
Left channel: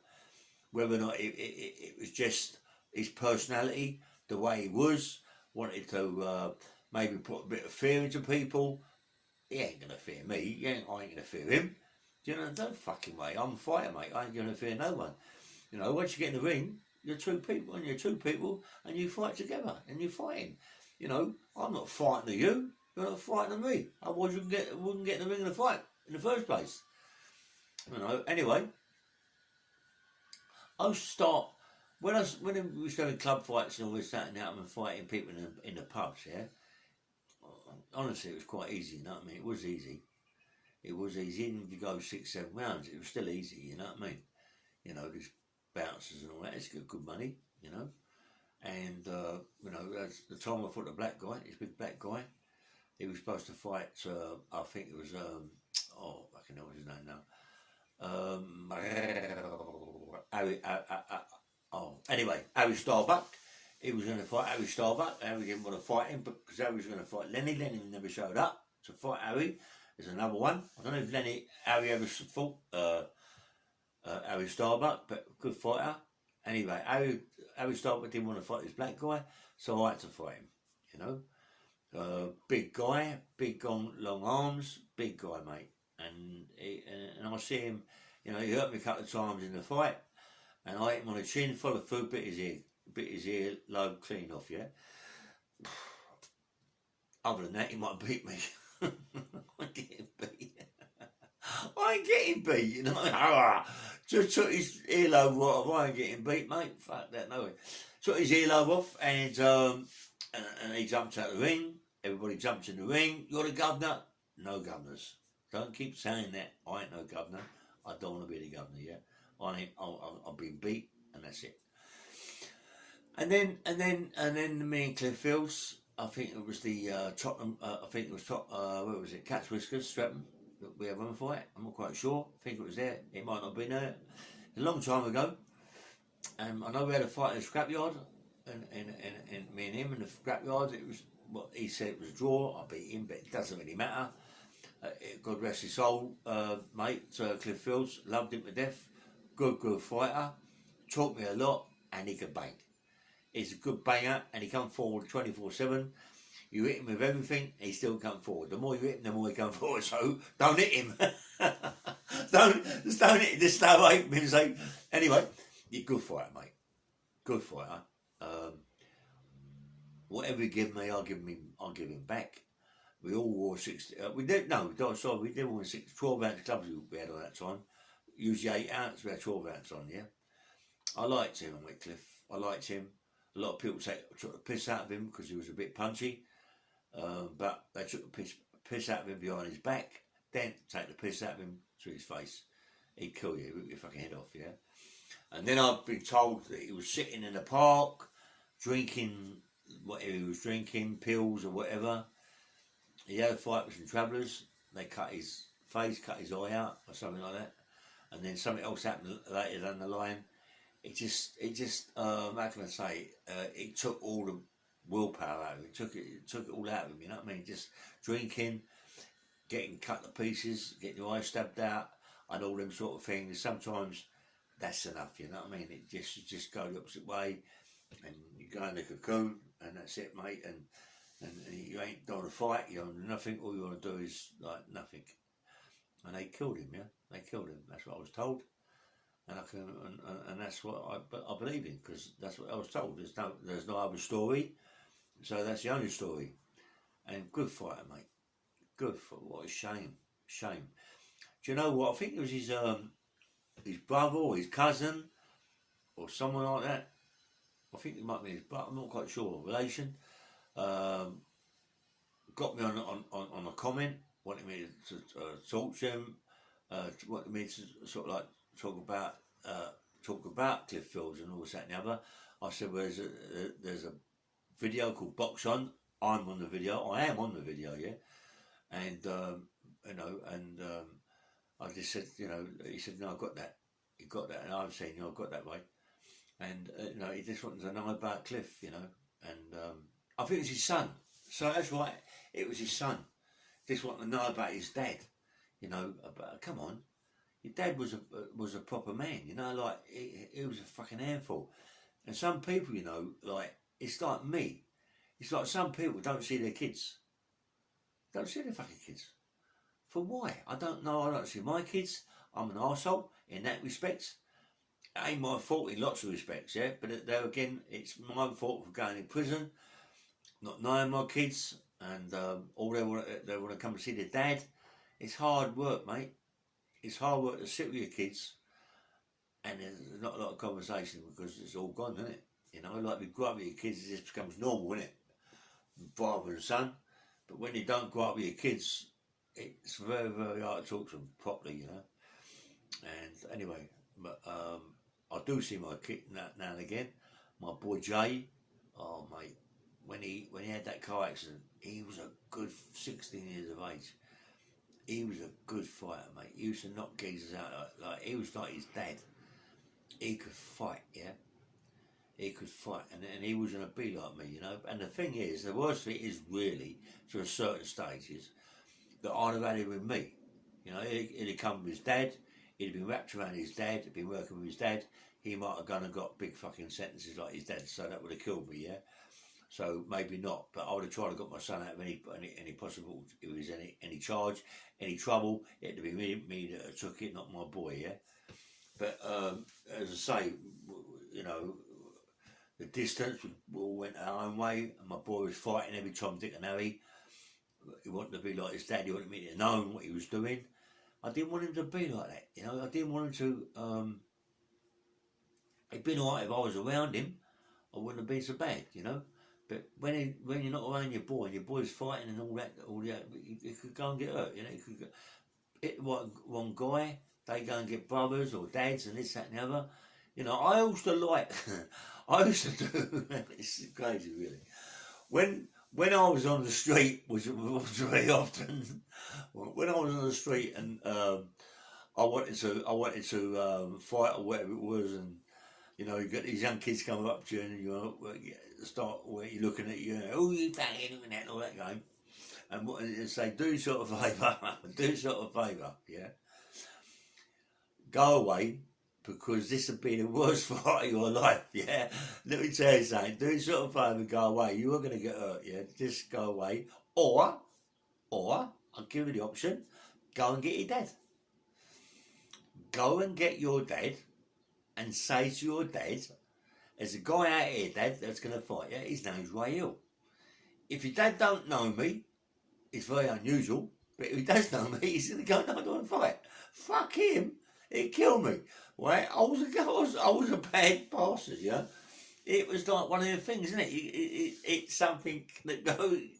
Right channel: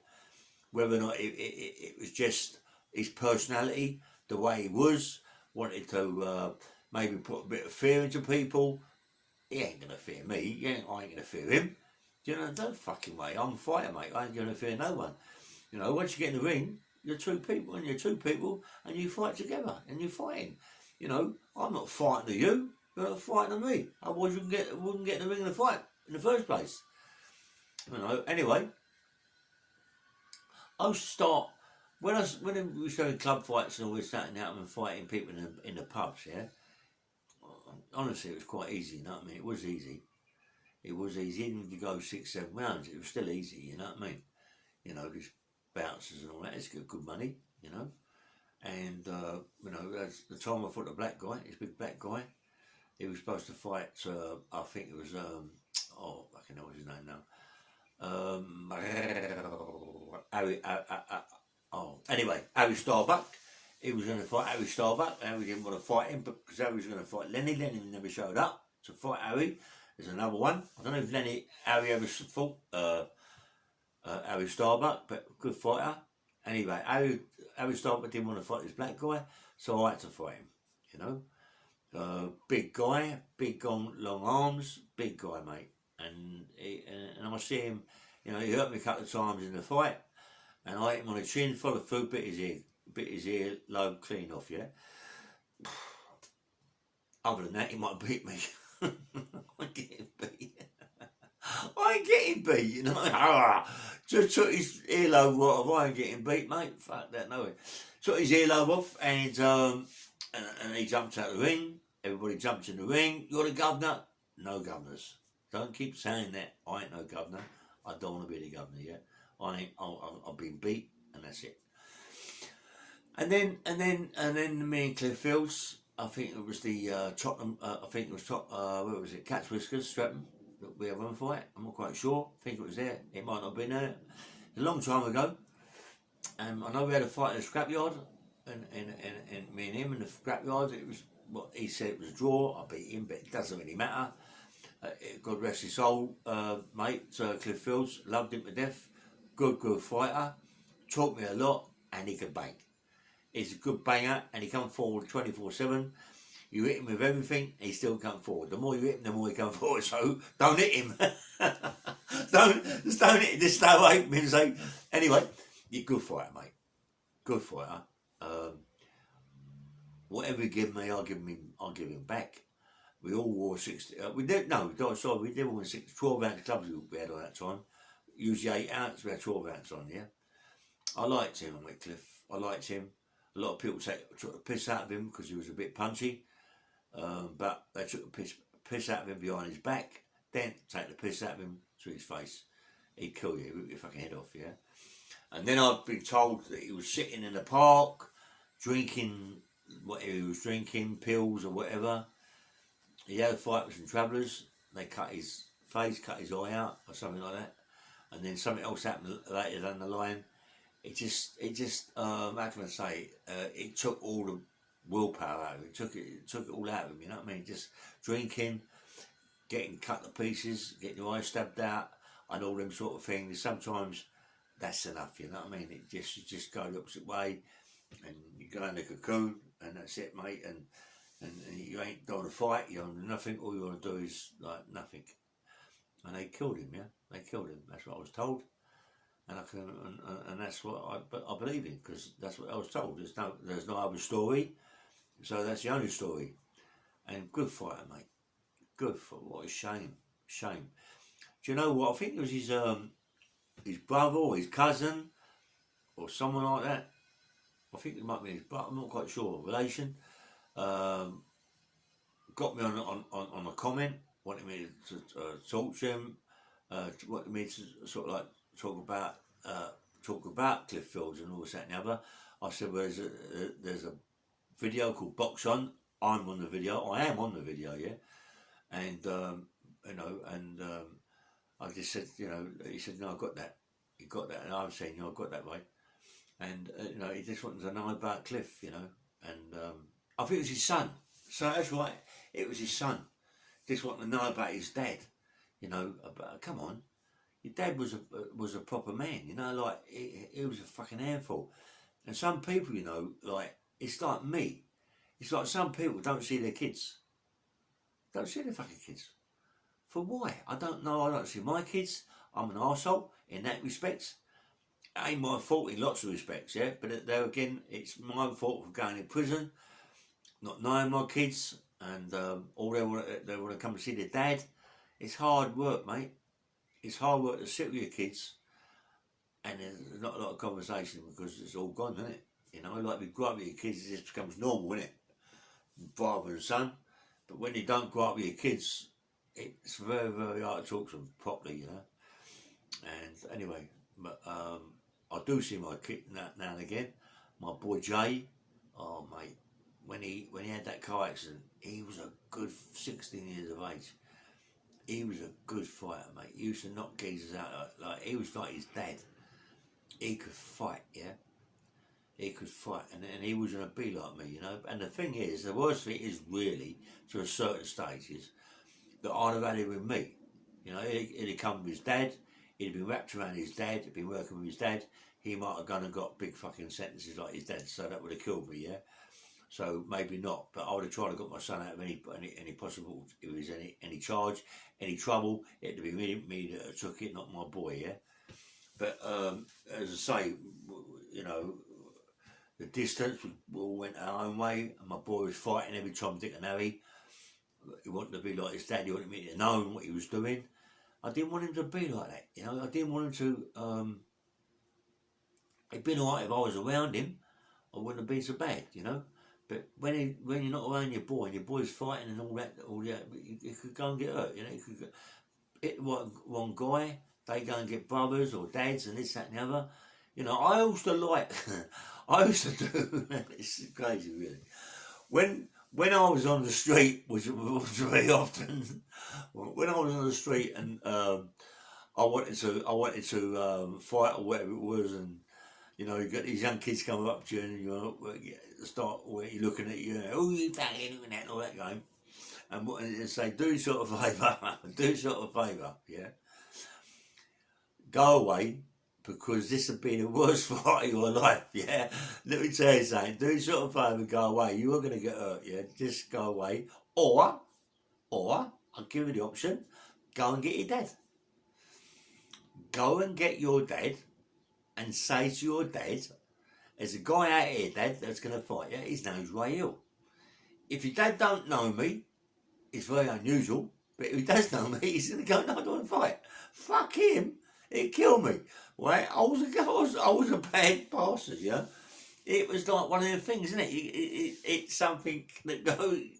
Whether or not it was just his personality, the way he was, wanted to maybe put a bit of fear into people. He ain't gonna fear me. I ain't gonna fear him. Do you know? No fucking way. I'm a fighter, mate. I ain't gonna fear no one. You know, once you get in the ring, you're two people, and you fight together, and you're fighting. You know, I'm not fighting to you. You're not fighting to me. Otherwise, wouldn't get in the ring in a fight in the first place. You know. Anyway, I used to start when we was having club fights and all this, that and that, and fighting people in the pubs. Yeah. Honestly, it was quite easy. You know what I mean? It was easy. It was easy. Even if you go 6-7 rounds, it was still easy. You know what I mean? You know, these bouncers and all that. It's good money. You know. And you know, that's the time I fought the black guy, this big black guy. He was supposed to fight. I think it was I can know his name now. Anyway, Harry Starbuck. He was going to fight Harry Starbuck. Harry didn't want to fight him because Harry was going to fight Lenny. Lenny never showed up to fight Harry. There's another one. I don't know if Harry ever fought Harry Starbuck, but good fighter. Anyway, Harry Starbuck didn't want to fight this black guy, so I had to fight him. You know, big guy, long arms, big guy, mate. And I see him. You know, he hurt me a couple of times in the fight, and I hit him on the chin, followed through, bit his ear lobe clean off. Yeah. Other than that, he might beat me. I'm getting beat. I ain't getting beat, you know. Just took his earlobe off. I ain't getting beat, mate. Fuck that, no way. Took his earlobe off, and he jumped out of the ring. Everybody jumps in the ring. You're the governor. No governors. Don't keep saying that. I ain't no governor. I don't want to be the governor yet. I've been beat, and that's it. And then me and Cliff Fields. I think it was the Tottenham. I think it was where was it? Catch Whiskers, Streatham. We had one fight. I'm not quite sure. I think it was there. It might not have been there. A long time ago. I know we had a fight in the scrapyard, and me and him in the scrapyard. It was what he said it was a draw. I beat him, but it doesn't really matter. God rest his soul, mate. Cliff Fields, loved him to death. Good fighter. Taught me a lot, and he could bang. He's a good banger, and he come forward 24/7. You hit him with everything, he still come forward. The more you hit him, the more he come forward. So don't hit him. don't hit him. Just stay away from him. So anyway, you're a good fighter, mate. Good fighter. Whatever you give me, I'll give him back. We all wore 60. We did 12 ounce gloves we had on that time. Usually 8 ounce, we had 12 ounce on. Yeah, I liked him, Cliff. I liked him. A lot of people took the piss out of him because he was a bit punchy. But they took the piss out of him behind his back, then take the piss out of him to his face. He'd kill you, rip your fucking head off, yeah? And then I'd been told that he was sitting in the park, drinking whatever he was drinking, pills or whatever. He had a fight with some travellers. They cut his face, cut his eye out or something like that. And then something else happened later down the line. It just how can I say, it took all the willpower out of it. It took it all out of him, you know what I mean? Just drinking, getting cut to pieces, getting your eyes stabbed out, and all them sort of things. Sometimes that's enough, you know what I mean? You just go the opposite way, and you go in the cocoon, and that's it, mate. And you ain't doing a fight, you're on nothing. All you want to do is like nothing. And they killed him, yeah. They killed him. That's what I was told. And that's what I believe in, because that's what I was told. There's no other story, so that's the only story. And good fighter, mate. Good for what a shame. Do you know what? I think it was his brother or his cousin or someone like that. I think it might be his brother. I'm not quite sure. Relation. Got me on a comment. Wanted me to talk to him. Wanted me to sort of like talk about Cliff Fields and all this, that and the other. I said, well, there's a video called Box On. I'm on the video. I am on the video, yeah. And you know, and I just said, you know, he said, no, I got that. He got that, and I was saying, you know, I got that way. And you know, he just wanted to know about Cliff, you know, and I think it was his son. So that's right, it was his son. Just wanted to know about his dad, you know. Come on, your dad was a proper man, you know, like he was a fucking handful. And some people, you know, like it's like me. It's like some people don't see their kids. Don't see their fucking kids. For why? I don't know. I don't see my kids. I'm an arsehole in that respect. It ain't my fault in lots of respects, yeah. But there again, it's my fault for going in prison, not knowing my kids, and all they want to come and see their dad. It's hard work, mate. It's hard work to sit with your kids, and there's not a lot of conversation because it's all gone, isn't it? You know, like we grow up with your kids, it just becomes normal, isn't it? Father and son. But when you don't grow up with your kids, it's very, very hard to talk to them properly, you know. And anyway, but I do see my kid now and again. My boy Jay, oh mate, when he had that car accident, he was a good 16 years of age. He was a good fighter, mate. He used to knock geezers out like he was like his dad. He could fight, yeah. He could fight, and he was going to be like me, you know. And the thing is, the worst thing is really, to a certain stage, is that I'd have had him with me. You know, he'd come with his dad, he'd been wrapped around his dad, he'd been working with his dad, he might have gone and got big fucking sentences like his dad, so that would have killed me, yeah? So maybe not, but I would have tried to get my son out of any possible, if there was any charge, any trouble, it'd be me that took it, not my boy, yeah? But as I say, you know, the distance, we all went our own way, and my boy was fighting every Tom, Dick and Harry. He wanted to be like his dad, he wanted me to know what he was doing. I didn't want him to be like that, you know. I didn't want him to, it'd been alright if I was around him, I wouldn't have been so bad, you know. But when you're not around your boy, and your boy's fighting and all that, you could go and get hurt, you know. You could hit one guy, they go and get brothers or dads and this, that and the other. You know, I used to like, I used to do, it's crazy really. When I was on the street, which was very often, when I was on the street and I wanted to fight or whatever it was, and you know, you got these young kids coming up to you and you start where you're looking at you, oh you fucking doing that and all that game, and say, do sort of favour, do sort of favour, yeah, go away. Because this would be the worst fight of your life, yeah? Let me tell you something, do sort of favour and go away. You are going to get hurt, yeah? Just go away. Or, I'll give you the option, go and get your dad. Go and get your dad and say to your dad, there's a guy out here, Dad, that's going to fight you. His name's Ray Hill. If your dad don't know me, it's very unusual, but if he does know me, he's going to go, no, I don't want to fight. Fuck him. He'd kill me. Right? I was a bad bastard, you know. It was like one of the things, isn't it? It's something that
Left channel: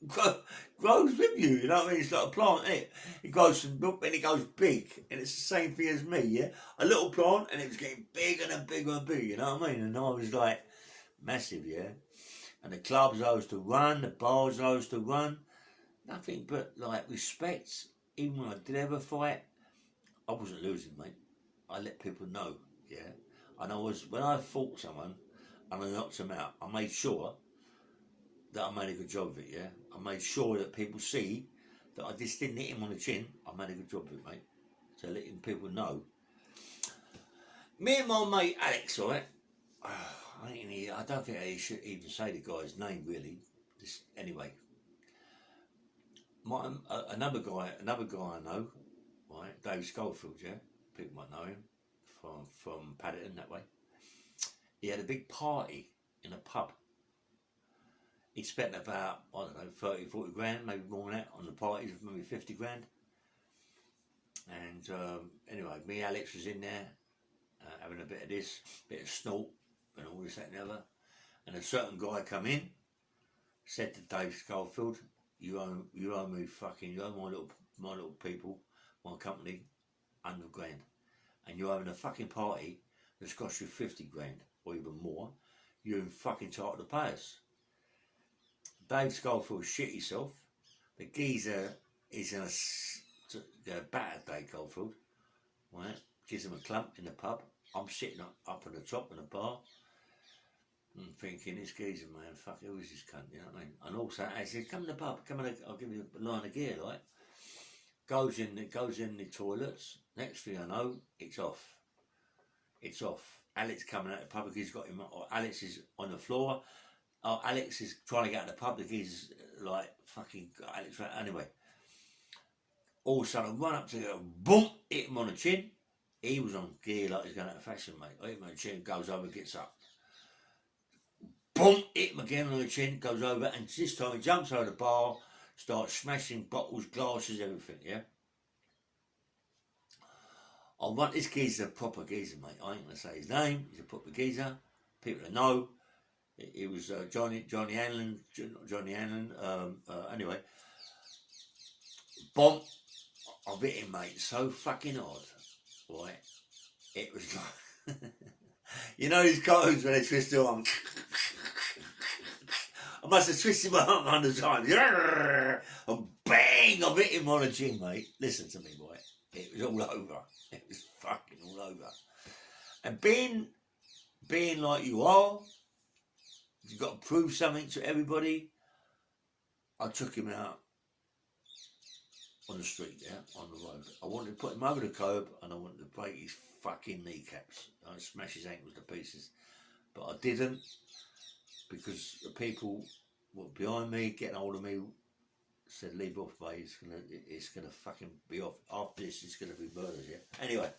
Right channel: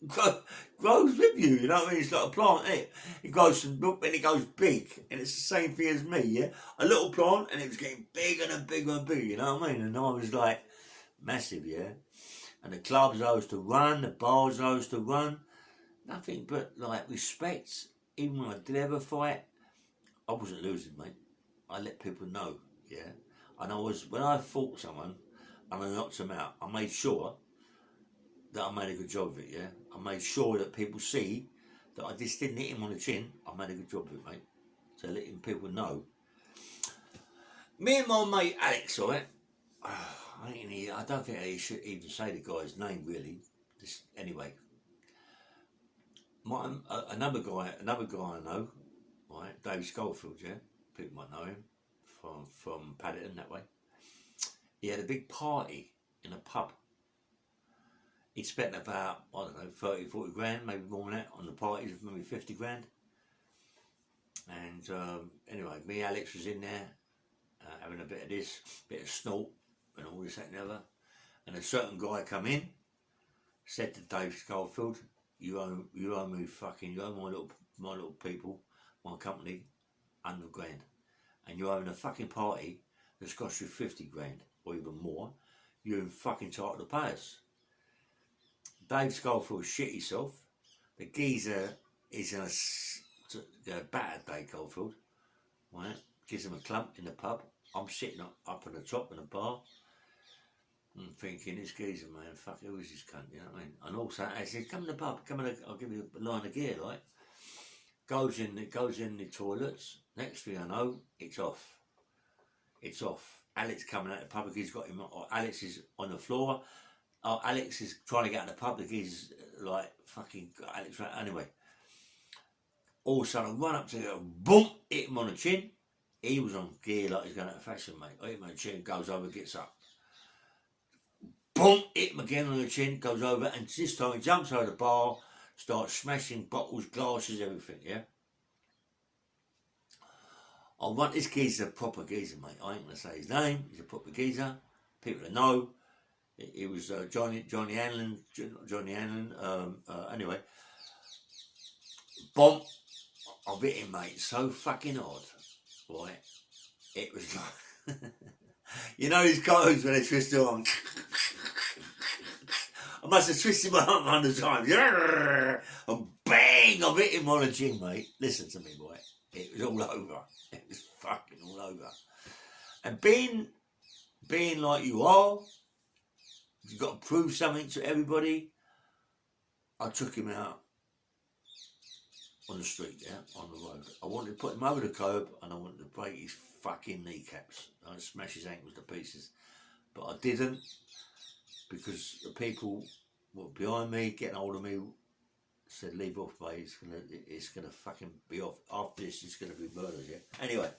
grows with you, you know what I mean? It's like a plant, isn't it? It grows from milk and it goes big, and it's the same thing as me, yeah? A little plant, and it was getting bigger and bigger and bigger, you know what I mean? And I was like, massive, yeah? And the clubs I used to run, the bars I used to run, nothing but, like, respect. Even when I did ever fight, I wasn't losing, mate. I let people know, yeah? And when I fought someone and I knocked them out, I made sure that I made a good job of it, yeah? I made sure that people see that I just didn't hit him on the chin. I made a good job of it, mate. So letting people know. Me and my mate Alex, right? I don't think I should even say the guy's name, really. Just, anyway. Another guy I know, right? Dave Schofield, yeah? People might know him from Paddington that way. He had a big party in a pub. He spent about, I don't know, 30, 40 grand, maybe more than that, on the parties, maybe 50 grand. And anyway, me and Alex was in there, having a bit of this, bit of snort, and all this, that and the other. And a certain guy come in, said to Dave Schofield, you owe me fucking, you owe my little people, my company, 100 grand, and you're having a fucking party that's cost you 50 grand or even more, you're fucking entitled to pay us. Dave Schofield shit himself. The geezer is in a batter Dave Schofield, right? Gives him a clump in the pub. I'm sitting up at the top of the bar. I'm thinking, this geezer, man, fuck, who is this cunt, you know what I mean? And also, I said, come in the pub, I'll give you a line of gear, like. Goes in the toilets. Next thing I know, it's off. It's off. Alex coming out of the pub, he's got him, or Alex is on the floor. Oh, Alex is trying to get out of the pub, he's like, fucking, Alex, right, anyway. All of a sudden, I run up to go, boom, hit him on the chin. He was on gear like he's going out of fashion, mate. I hit him on the chin, goes over, gets up. Boom, hit him again on the chin, goes over, and this time he jumps over the bar, starts smashing bottles, glasses, everything, yeah? I want this geezer a proper geezer, mate. I ain't going to say his name. He's a proper geezer. People that know. He was Johnny Hanlon. Anyway. Boom. I've hit him, mate, so fucking odd. Right? It was like... you know his clothes when they twist their arm? I must have twisted my arm 100 times. And bang! I've hit him on the chin, mate. Listen to me, boy. It was all over. It was fucking all over. And being like you are, you've got to prove something to everybody. I took him out on the street, yeah, on the road. I wanted to put him over the curb and I wanted to break his fucking kneecaps. I smash his ankles to pieces. But I didn't, because the people were behind me, getting hold of me, said, leave off, mate, it's gonna fucking be off. After this, it's gonna be murders, yeah? Anyway,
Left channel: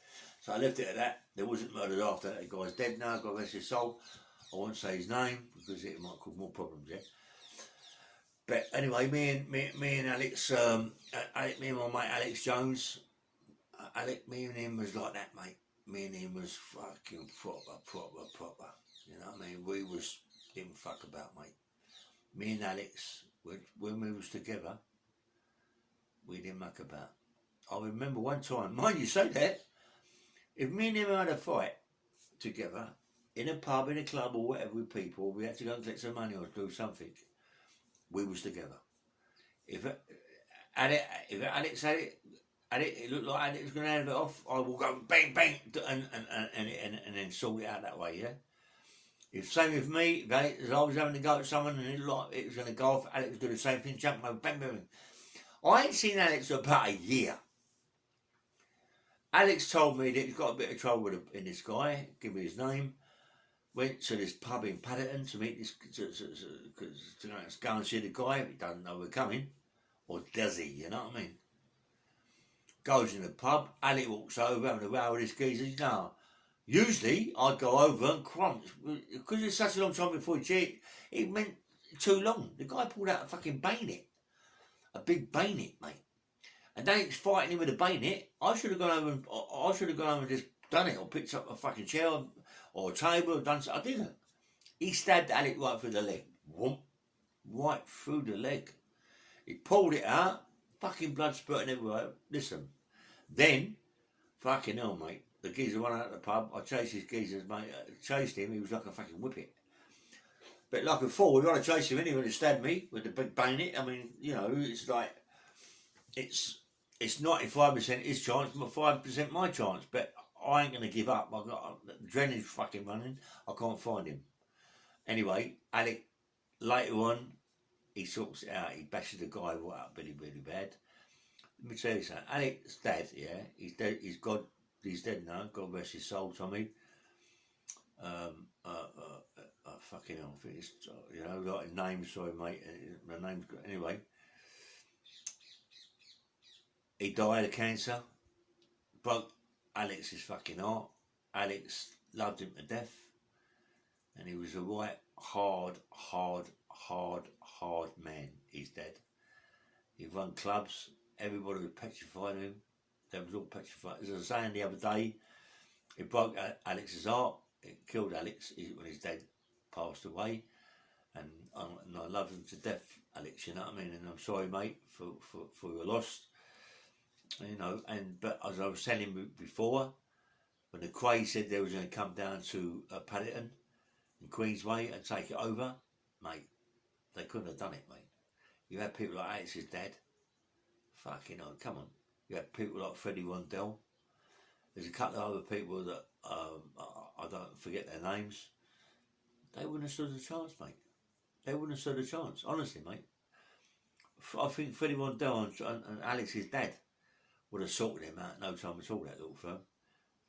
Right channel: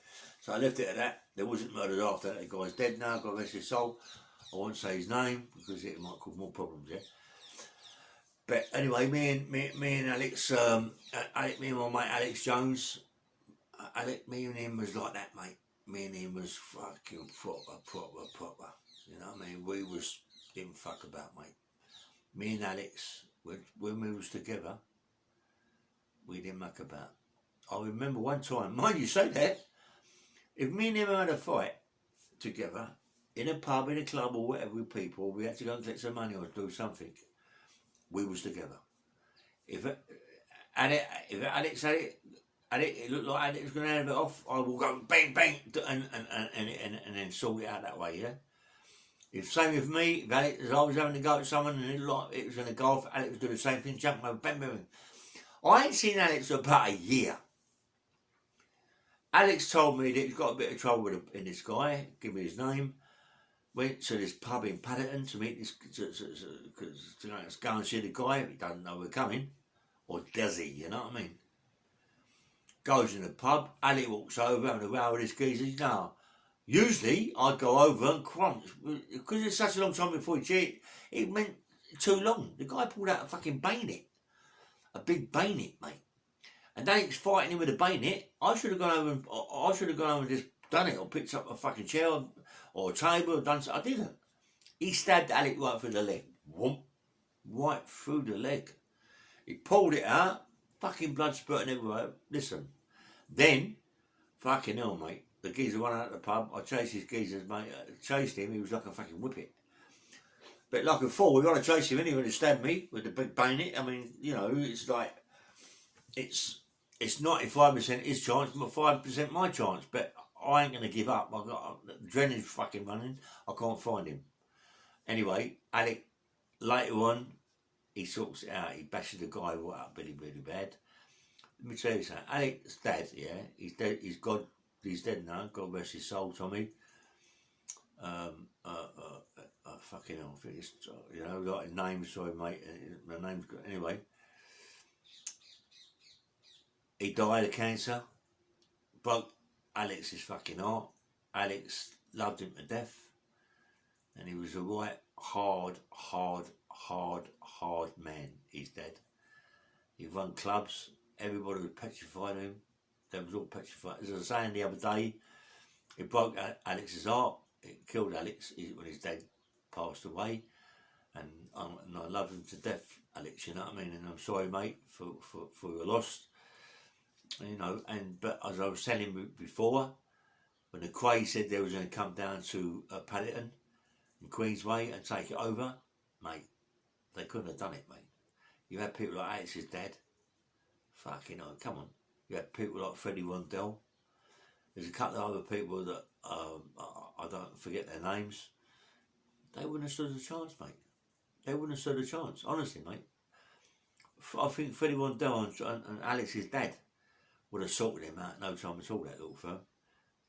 so I left it at that. There wasn't murders after that. The guy's dead now, God rest his soul. I won't say his name, because it might cause more problems, yeah? But anyway, me and Alex, me and my mate Alex Jones, me and him was like that, mate. Me and him was fucking proper. You know what I mean? We didn't fuck about, mate. Me and Alex, when we was together, we didn't muck about. I remember one time, mind you say that, if me and him had a fight together, in a pub, in a club or whatever with people, we had to go and get some money or do something, we was together. If Alex had it looked like Alex was going to have it off, I will go bang, bang, and then sort it out that way, yeah? If same with me, if I was having to go at someone and it looked like it was going to go off, Alex would do the same thing, jump over, bang, bang, bang. I ain't seen Alex for about a year. Alex told me that he's got a bit of trouble in this guy, give me his name, went to this pub in Paddington to meet this, to go and see the guy, he doesn't know we're coming, or does he, you know what I mean? Goes in the pub, Alex walks over, having a row with this geezer, now, usually I'd go over and crunch, because it's such a long time before he cheated, it meant too long. The guy pulled out a fucking bayonet, a big bayonet, mate. And they was fighting him with a bayonet. I should have gone over and just done it, or picked up a fucking chair or a table or done something. I didn't. He stabbed Alex right through the leg. Whoomp. Right through the leg. He pulled it out, fucking blood spurting everywhere. Listen. Then, fucking hell, mate. The geezer went out of the pub. I chased his geezers, mate. Chased him. He was like a fucking whippet. But like a fool, we got to chase him anyway to stab me with the big bayonet. I mean, you know, it's like, it's 95% his chance, but 5% my chance. But I ain't going to give up. I've got adrenaline's fucking running. I can't find him. Anyway, Alec, later on, he sorts it out. He bashes the guy right up really, really bad. Let me tell you something. Alec's dad, yeah, he's dead. He's dead now. God rest his soul, Tommy. Fucking hell, I think it's, you know, like his name, sorry, mate. My name's got, anyway. He died of cancer. Broke Alex's fucking heart. Alex loved him to death. And he was a right hard man. He's dead. He run clubs. Everybody was petrified of him. They was all petrified. As I was saying the other day, it broke Alex's heart. It killed Alex when his dad passed away. And I love him to death, Alex, you know what I mean? And I'm sorry, mate, for your loss. You know, but as I was telling you before, when the Cray said they was going to come down to Paddington in Queensway and take it over, mate, They couldn't have done it, mate. You had people like Alex's dad. Fucking hell, come on. You had people like Freddie Rondell. There's a couple of other people that I don't forget their names. They wouldn't have stood a chance, mate. They wouldn't have stood a chance, honestly, mate. I think Freddie Rondell and Alex's dad would have sorted him out no time at all, that little firm.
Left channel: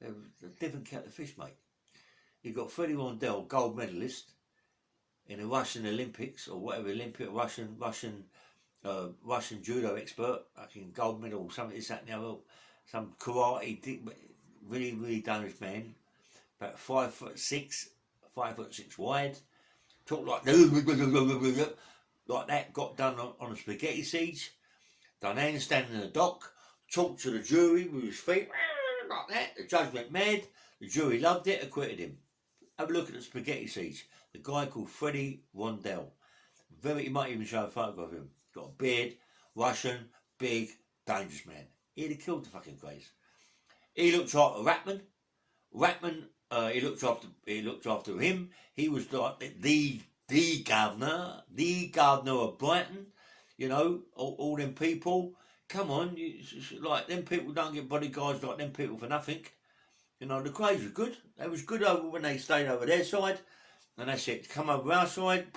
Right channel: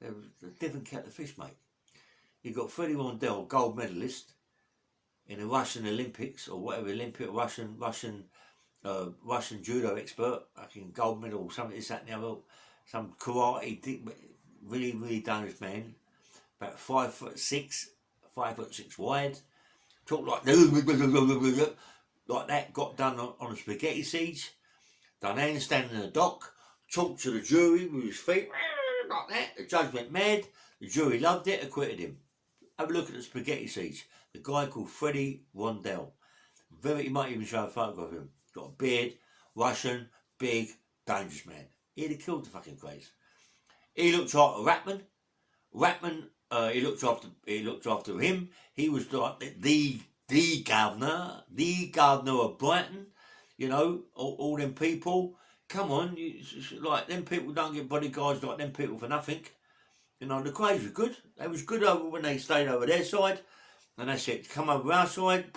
They're a different kettle of fish, mate. You've got Freddie Rondell, gold medalist in the Russian Olympics, or whatever, Russian judo expert, fucking gold medal, or something, this, that, and the other, some karate, really, really dangerous man, about 5'6", 5'6" wide, talk like that, got done on a spaghetti siege, done handstand in the dock, talked to the jury with his feet, like that, the judge went mad, the jury loved it, acquitted him. Have a look at the spaghetti siege. The guy called Freddie Rondell. You might even show a photograph of him. Got a beard, Russian, big, dangerous man. He'd have killed the fucking craze. He looked after Ratman. He looked after him. He was like the governor of Brighton. You know, all them people. Come on, like them people don't get bodyguards like them people for nothing. You know, the Crays were good. They was good over when they stayed over their side. And that's it. Come over our side.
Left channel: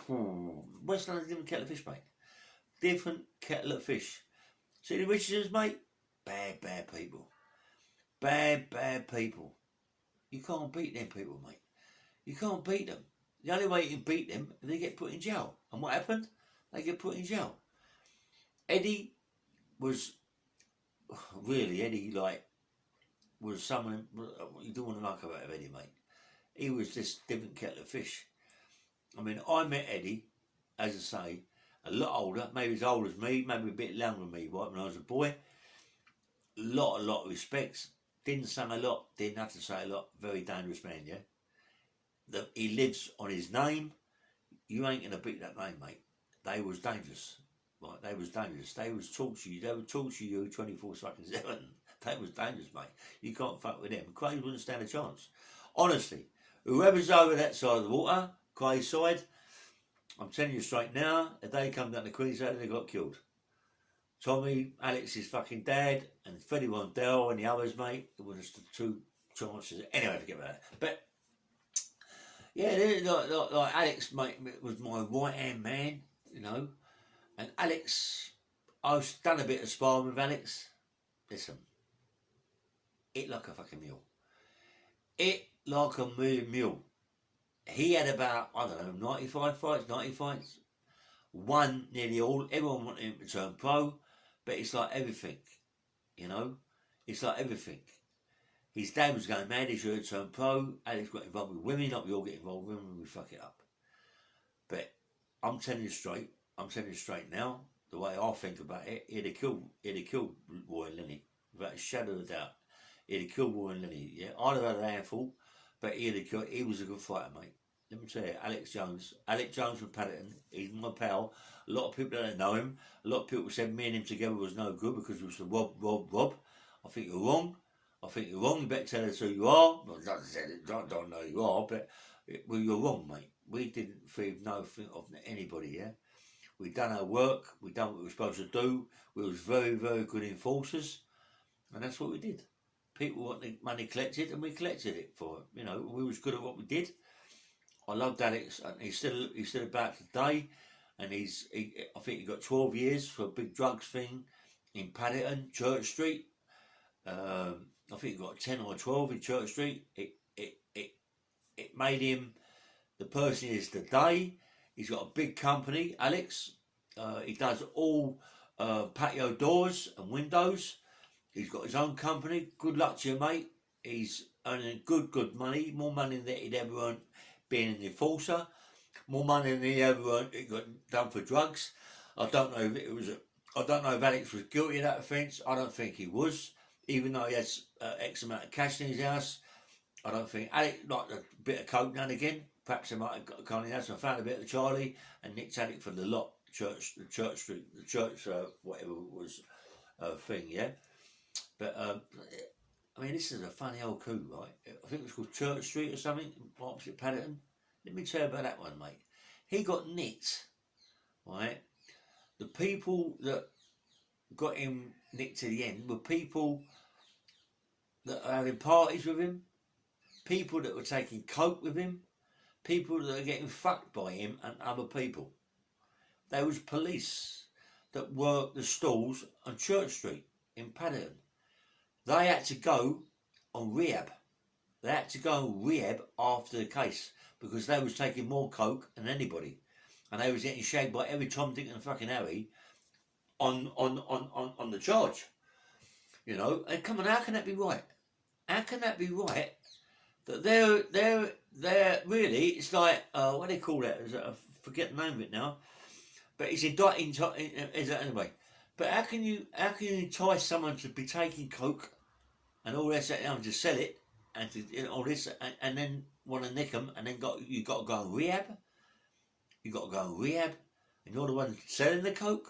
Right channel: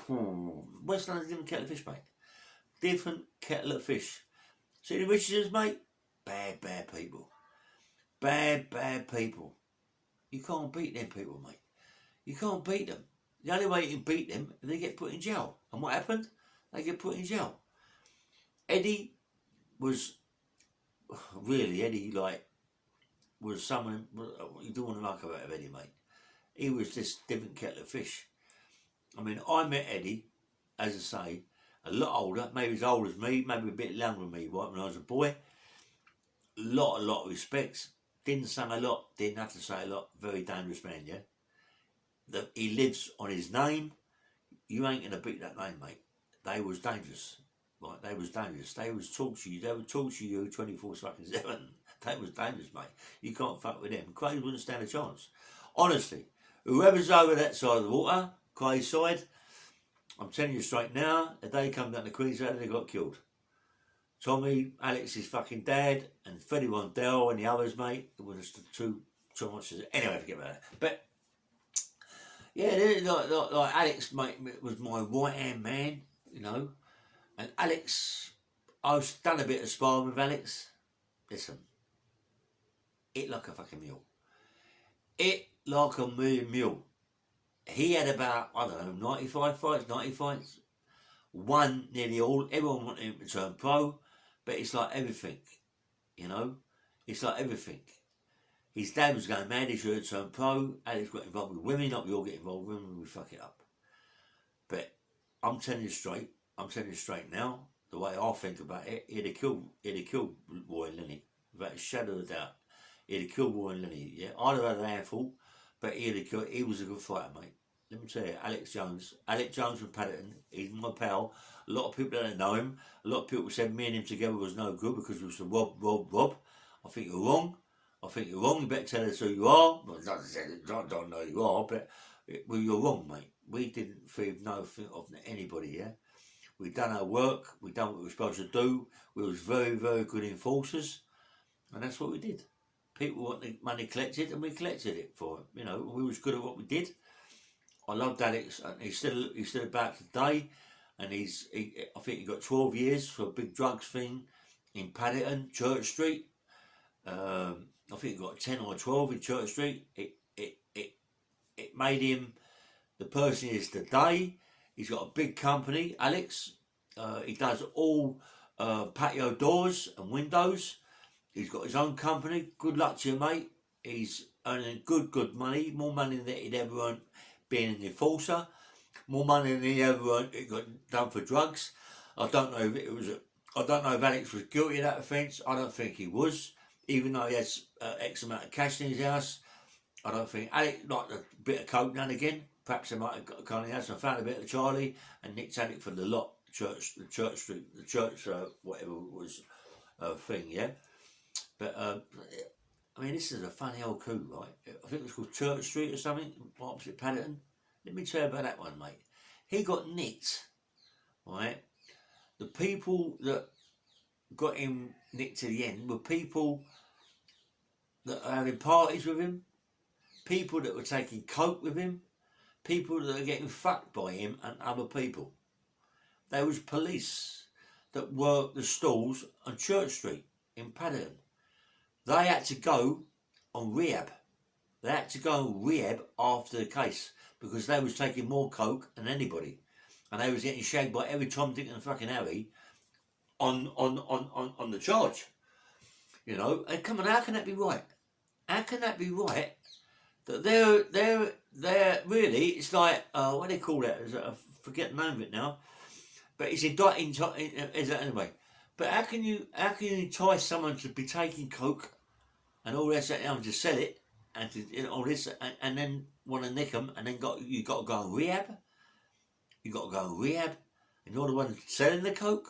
West London's a different kettle of fish, mate. Different kettle of fish. See the Richardsons, mate? Bad people. Bad people. You can't beat them people, mate. You can't beat them. The only way you can beat them is they get put in jail. And what happened? They get put in jail. Eddie was was someone you don't want to like about Eddie, mate. He was just different kettle of fish. I mean, I met Eddie, as I say, a lot older, maybe as old as me, maybe a bit younger than me, right, when I was a boy. A lot of respects. Didn't sing a lot, didn't have to say a lot. Very dangerous man, yeah? That he lives on his name. You ain't going to beat that name, mate. They was dangerous. Right, they was dangerous. They would torture you 24/7. They was dangerous, mate. You can't fuck with them. Craig wouldn't stand a chance. Honestly, whoever's over that side of the water, Craig's side, I'm telling you straight now, if they come down to Queensland, they got killed. Tommy, Alex's fucking dad, and Freddie Rondell and the others, mate, it was just two chances. Anyway, forget about that. But yeah, like Alex, mate, was my right hand man, you know. And Alex, I've done a bit of sparring with Alex. Listen, it like a fucking mule. It like a mule. He had about, I don't know, 90 fights. Won nearly all. Everyone wanted him to turn pro, but it's like everything, you know. It's like everything. His dad was going mad, he should have turned pro. Alex got involved with women, not we all get involved with women, we fuck it up. But I'm telling you straight now, the way I think about it, he'd have killed Roy and Lenny, without a shadow of a doubt. He'd have killed Roy and Lenny, yeah. I'd have had a handful, but he was a good fighter, mate. Let me tell you, Alex Jones from Paddington, he's my pal. A lot of people don't know him. A lot of people said me and him together was no good because it was the Rob. I think you're wrong. You better tell us who you are. Well, I don't know who you are, but you're wrong, mate. We didn't feed nothing of anybody, yeah? We done our work. We done what we were supposed to do. We was very, very good enforcers. And that's what we did. People wanted money collected, and we collected it for them. You know, we was good at what we did. I loved Alex, and he's still about today. And I think he got 12 years for a big drugs thing in Paddington, Church Street. I think he got 10 or 12 in Church Street. It made him the person he is today. He's got a big company, Alex. He does all patio doors and windows. He's got his own company. Good luck to you, mate. He's earning good money. More money than he'd ever earned being an enforcer. More money than he ever earned it got done for drugs. I don't know if Alex was guilty of that offence. I don't think he was. Even though he has X amount of cash in his house, I don't think Alex liked a bit of coke now and again. Perhaps they might have got a kind of house. I found a bit of Charlie and Nick Tannick for the lot, the church, whatever it was, thing, yeah. But I mean, this is a funny old coup, right? I think it was called Church Street or something, opposite Paddington. Let me tell you about that one, mate. He got nicked right? The people that got him nicked to the end were people that are having parties with him, people that were taking coke with him, people that are getting fucked by him and other people. There was police that worked the stalls on Church Street in Paddington. They had to go on rehab. They had to go on rehab after the case because they was taking more coke than anybody. And they was getting shagged by every Tom, Dick and fucking Harry on the charge. You know, and come on, how can that be right? How can that be right that they're really, it's like, what do they call it? I forget the name of it now. But it's indicting, anyway. But how can you entice someone to be taking coke and all this and to sell it and to all this and then want to nick them and then you got to go on rehab? You got to go on rehab and you're the one selling the coke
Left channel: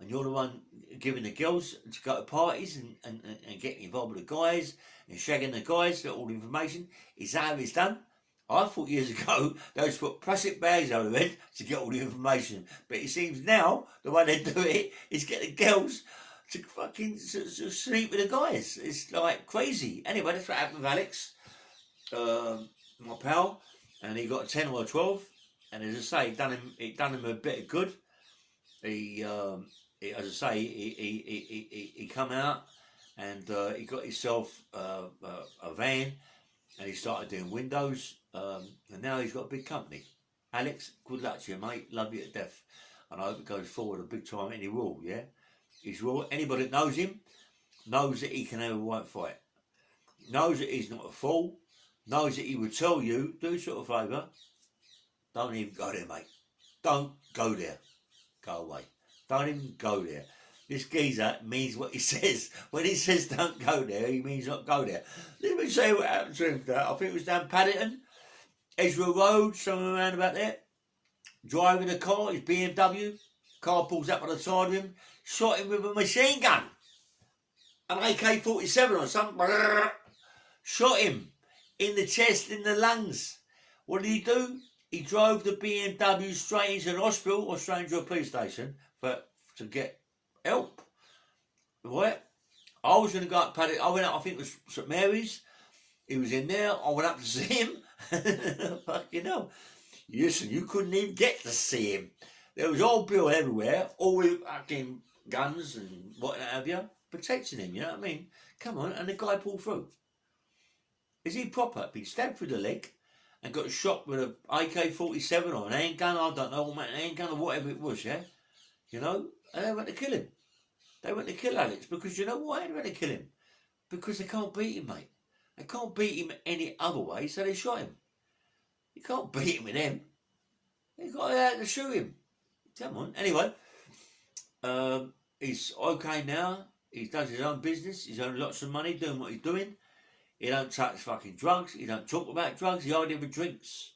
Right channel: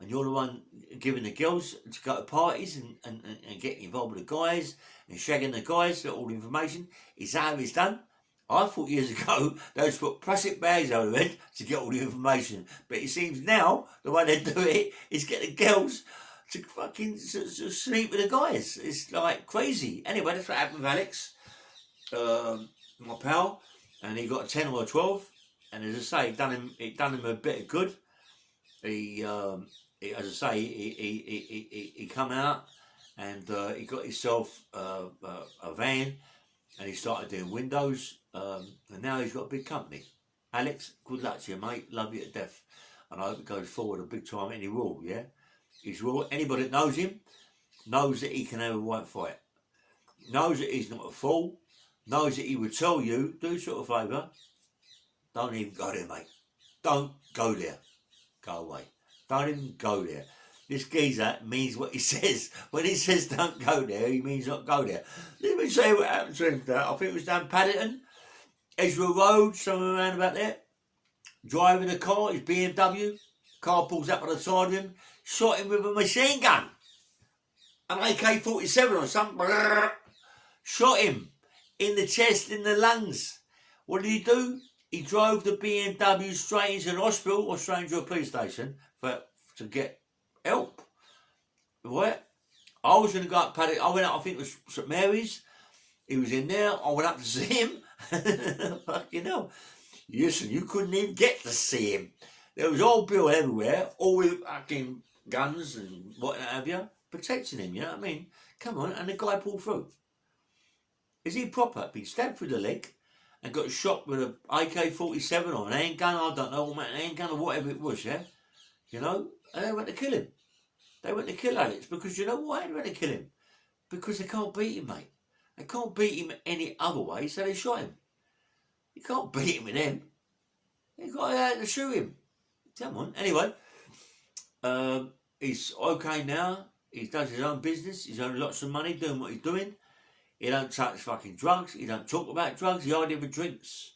and you're the one giving the girls to go to parties and getting involved with the guys and shagging the guys, get all the information. Is that how it's done? I thought years ago they used to put plastic bags over their head to get all the information. But it seems now the way they do it is get the girls to fucking to sleep with the guys. It's like crazy. Anyway, that's what happened with Alex, my pal, and he got a 10 or a 12. And as I say, it done him a bit of good. He as I say, he come out and he got himself a van. And he started doing windows, and now he's got a big company. Alex, good luck to you, mate. Love you to death. And I hope it goes forward a big time, and he will, yeah? He's will. Anybody that knows him knows that he can have a right fight. Knows that he's not a fool. Knows that he would tell you, do yourself a favour, don't even go there, mate. Don't go there. Go away. Don't even go there. This geezer means what he says. When he says don't go there, he means not go there. Let me say what happened to him. I think it was down Paddington, Ezra Road, somewhere around about there. Driving a car, his BMW. Car pulls up on the side of him. Shot him with a machine gun. An AK-47 or something. Shot him in the chest, in the lungs. What did he do? He drove the BMW straight into the hospital or straight into a police station to get help. Right? I was going to go up Paddington. I went up, I think it was St Mary's. He was in there. I went up to see him. Fucking hell. Listen, you couldn't even get to see him. There was old Bill everywhere, all with fucking guns and what have you, protecting him, you know what I mean? Come on, and the guy pulled through. Is he proper? Been stabbed through the leg and got shot with an AK-47 or an handgun, I don't know, an handgun or whatever it was, yeah? You know? And they went to kill him. They went to kill Alex because you know why they went to kill him? Because they can't beat him, mate. They can't beat him any other way, so they shot him. You can't beat him with them. You got to shoot him. Come on. Anyway, he's okay now. He does his own business. He's earning lots of money doing what he's doing. He don't touch fucking drugs. He don't talk about drugs. He hardly ever drinks.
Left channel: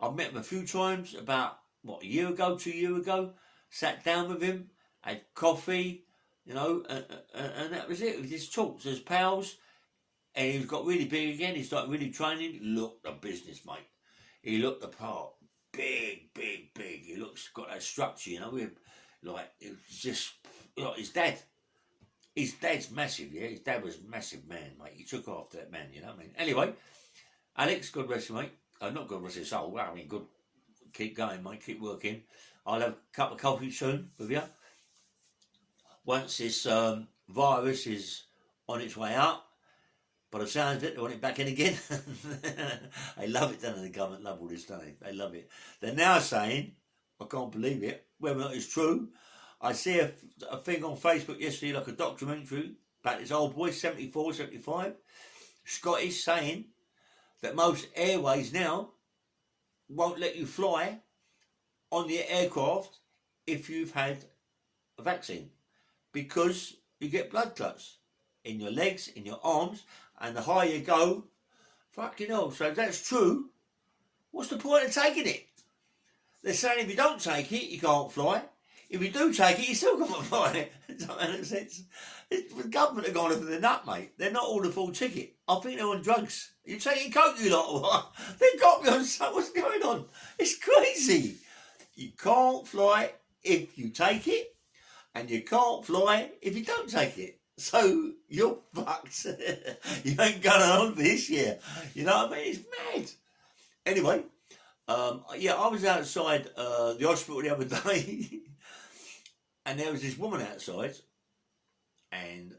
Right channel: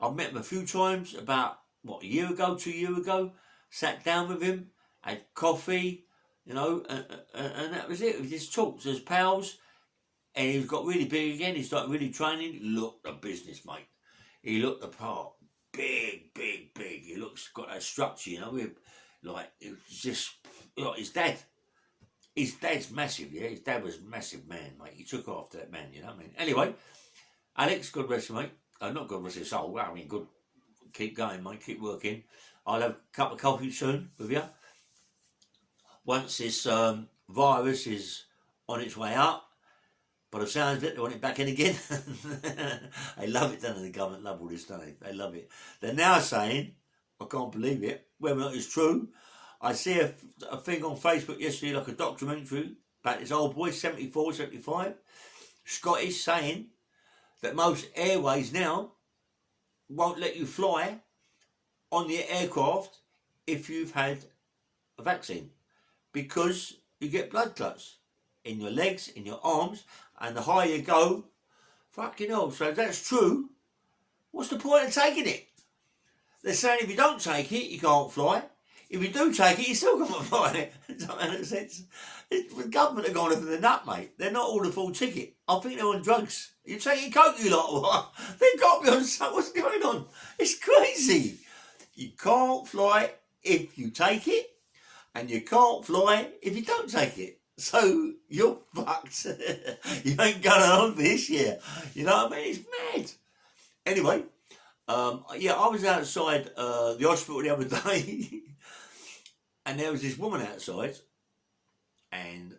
I've met him a few times about, a year ago, 2 years ago. Sat down with him, had coffee, you know, and that was it. We just talked as pals. And he got really big again. He started really training. Looked the business, mate. He looked the part. Big. He got that structure, you know. It was just like his dad. His dad's massive, yeah. His dad was a massive man, mate. He took after that man, you know what I mean? Anyway, Alex, God rest you, mate. Not God rest his soul. I mean, good. Keep going, mate. Keep working. I'll have a cup of coffee soon with you. Once this virus is on its way out. But the sounds of it, they want it back in again. They love it, don't they? The government love all this, don't they? They love it. They're now saying, I can't believe it, whether or not it's true. I see a thing on Facebook yesterday, like a documentary, about this old boy, 74, 75, Scottish, saying that most airways now won't let you fly on the aircraft if you've had a vaccine. Because you get blood clots in your legs, in your arms, and the higher you go, fucking hell. So if that's true, what's the point of taking it? They're saying if you don't take it, you can't fly. If you do take it, you still can't fly. Does that make sense? The government have gone off the nut, mate. They're not all the full ticket. I think they're on drugs. You taking coke, you lot, or what? They've got me on something. What's going on? It's crazy. You can't fly if you take it, and you can't fly if you don't take it. So you're fucked. You ain't going on this year. You know what I mean? It's mad. Anyway, yeah, I was outside the hospital the other day, and there was this woman outside, and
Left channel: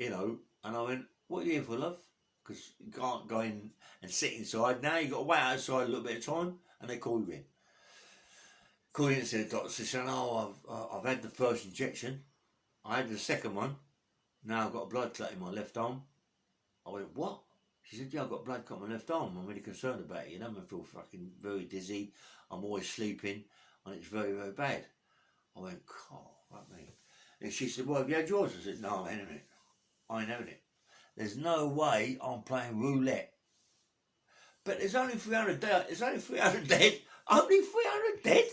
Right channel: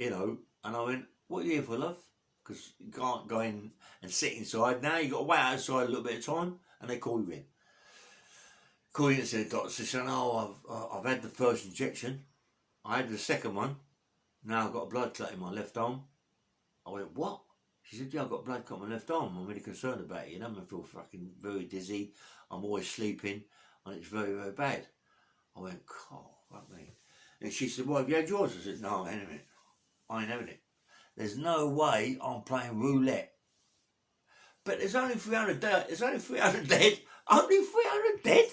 and I went, "What are you here for, love?" Because you can't go in and sit inside. Now you got to wait outside a little bit of time, and they call you in. Call you in and say, the doctor said, "Oh, I've had the first injection. I had the second one. Now I've got a blood clot in my left arm." I went, "What?" She said, "Yeah, I've got blood clot in my left arm. I'm really concerned about it. I feel fucking very dizzy. I'm always sleeping, and it's very, very bad." I went, "Oh, fuck me." And she said, "Well, have you had yours?" I said, "No, I ain't having it. I ain't having it. There's no way I'm playing roulette." But there's only 300 dead. There's only 300 dead. Only 300 dead?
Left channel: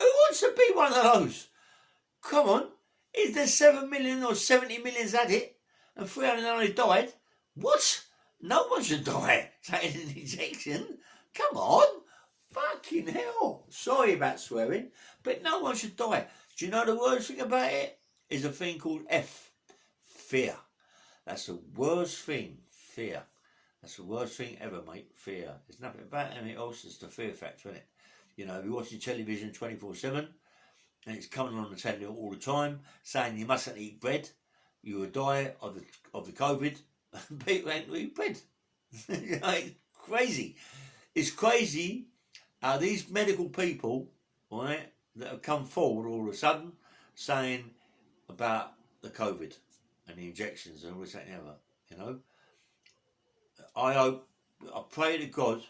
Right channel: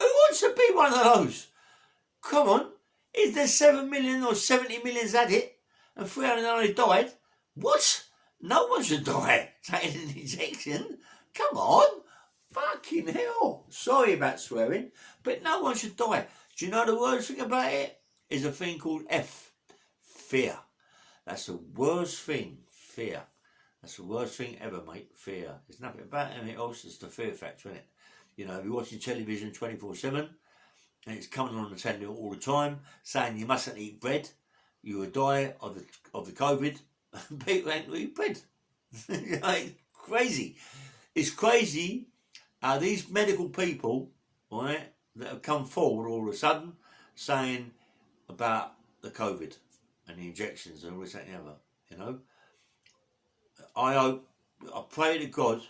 Who wants to be one of those? Come on. Is there 7 million or 70 million's had it and 300 only died? What? No one should die taking an injection. Come on. Fucking hell. Sorry about swearing, but no one should die. Do you know the worst thing about it? Is a thing called F. Fear. That's the worst thing. Fear. That's the worst thing ever, mate. Fear. There's nothing about anything else. It's the fear factor, isn't it? If you're watching television 24/7 and it's coming on the telly all the time saying you mustn't eat bread, you will die of the COVID. People ain't eat bread. It's crazy. It's crazy how these medical people, right, that have come forward all of a sudden saying about the COVID and the injections and all this, that, and the other. I pray to God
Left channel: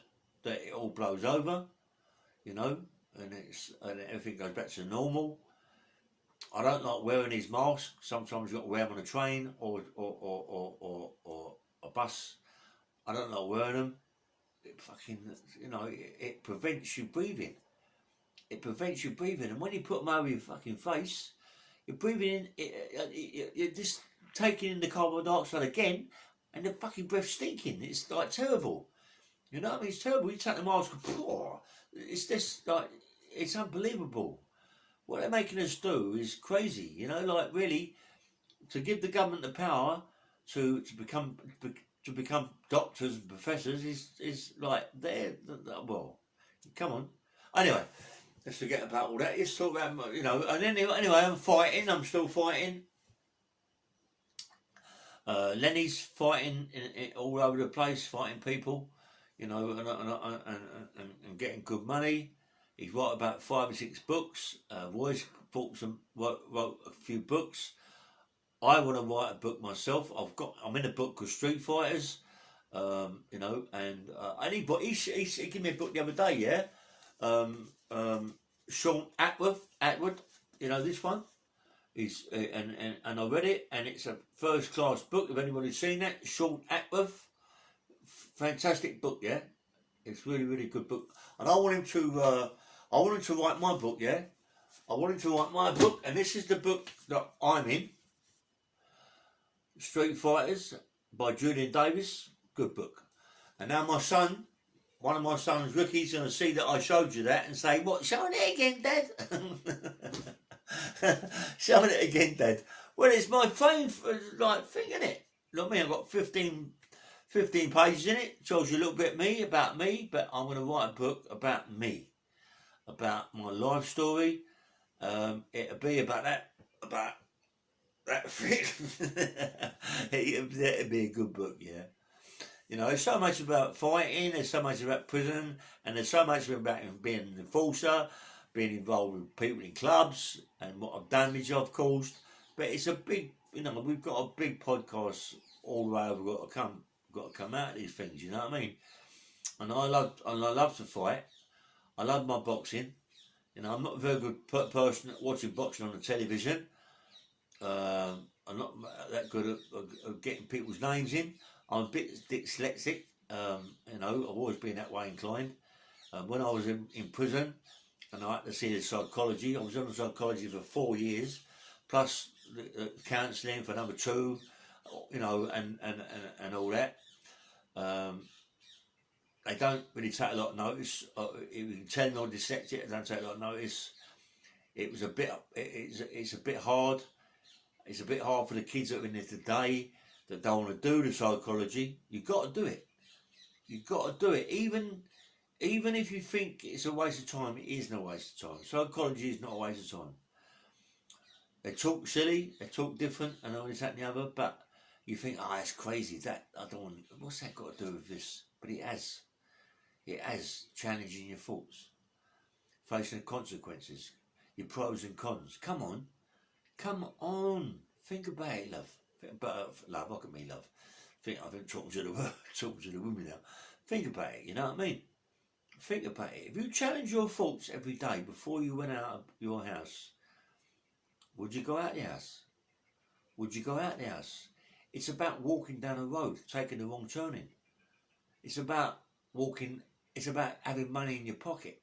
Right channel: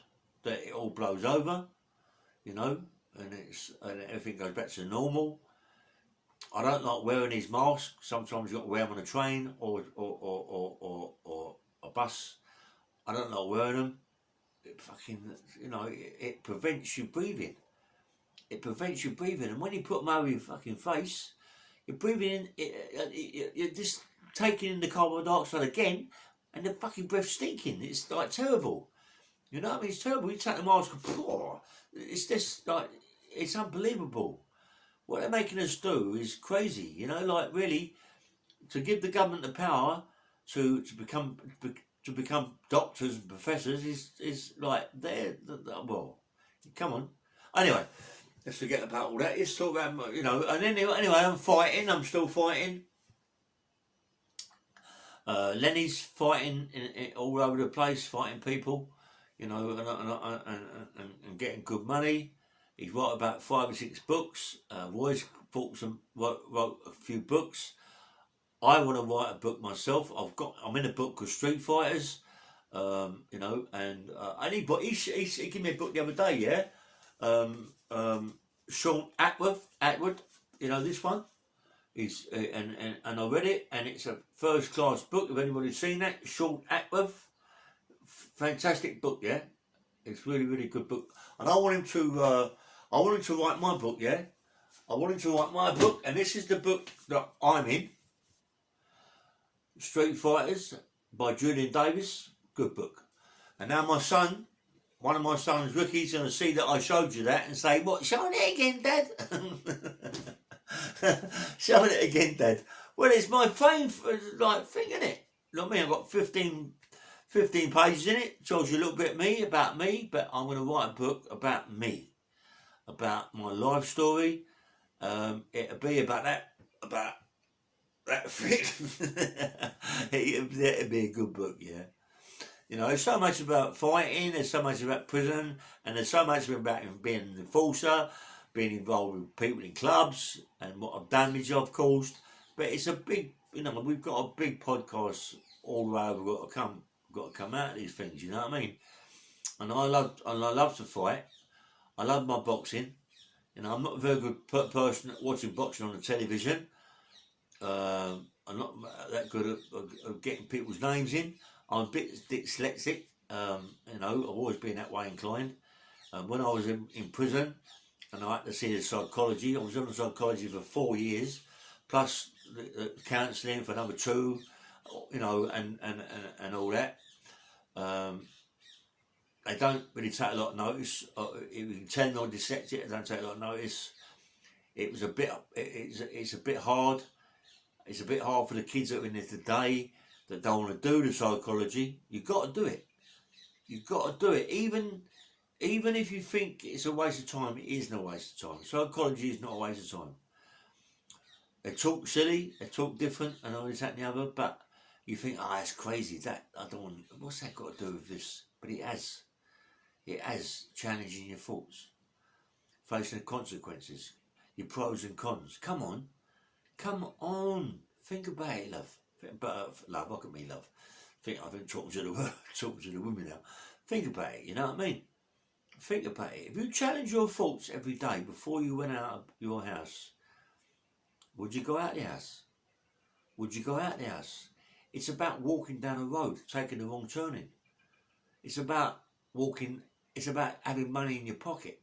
that it all blows over, and everything goes back to normal. I don't like wearing these masks. Sometimes you've got to wear them on a train or a bus. I don't like wearing them. It fucking, it prevents you breathing. It prevents you breathing, and when you put them over your fucking face, you're breathing in. You're just taking in the carbon dioxide again, and the fucking breath stinking. It's like terrible. You know what I mean? It's terrible. You take the mask, it's just like, it's unbelievable. What they're making us do is crazy. Really, to give the government the power to become doctors and professors is like well, come on. Anyway, let's forget about all that. Let's talk about And anyway, I'm fighting. I'm still fighting. Lenny's fighting all over the place, fighting people, and getting good money. He's wrote about 5 or 6 books. Roy's wrote a few books. I want to write a book myself. I'm in a book called Street Fighters. Anybody, he gave me a book the other day. Yeah, Sean Atwood. This one. And I read it, and it's a first class book. If anybody's seen that, Sean Atwood, fantastic book. Yeah, it's really, really good book. And I want him to write my book. Yeah, I want him to write my book, and this is the book that I'm in. Street Fighters by Julian Davis, good book. And now my son, one of my sons, Ricky's going to see that I showed you that and say, "What? Showing it again, Dad?" Showing it again, Dad. Well, it's my fame, thing, isn't it? You know what I mean? I've got 15 pages in it. Tells you a little bit about me, but I'm going to write a book about me, about my life story. It'll be about that thing. It'll be a good book, yeah. There's so much about fighting, there's so much about prison, and there's so much about being an enforcer, being involved with people in clubs, and what damage I've caused. But it's a big, we've got a big podcast all the way over. We've got to come out of these things. You know what I mean? And I love to fight. I love my boxing. I'm not a very good person at watching boxing on the television. I'm not that good at getting people's names in. I'm a bit dyslexic. I've always been that way inclined. When I was in prison, and I had to see the psychology. I was on psychology for 4 years, plus the counselling for another 2, and all that. They don't really take a lot of notice. If you can tell me I'm dyslexic, they don't take a lot of notice. It was a bit. It's a bit hard. It's a bit hard for the kids that are in there today that don't want to do the psychology. You've got to do it. You've got to do it. Even if you think it's a waste of time, it isn't a waste of time. Psychology is not a waste of time. They talk silly, they talk different, and all this, that, and the other, but you think, oh, that's crazy. That I don't want. What's that got to do with this? But it has. It has, challenging your thoughts, facing the consequences, your pros and cons. Come on, think about it, love. Think about love. Look at me, love. I've been talking to the women now. Think about it. You know what I mean? Think about it. If you challenge your thoughts every day before you went out of your house, would you go out the house? Would you go out the house? It's about walking down a road, taking the wrong turning. It's about walking. It's about having money in your pocket.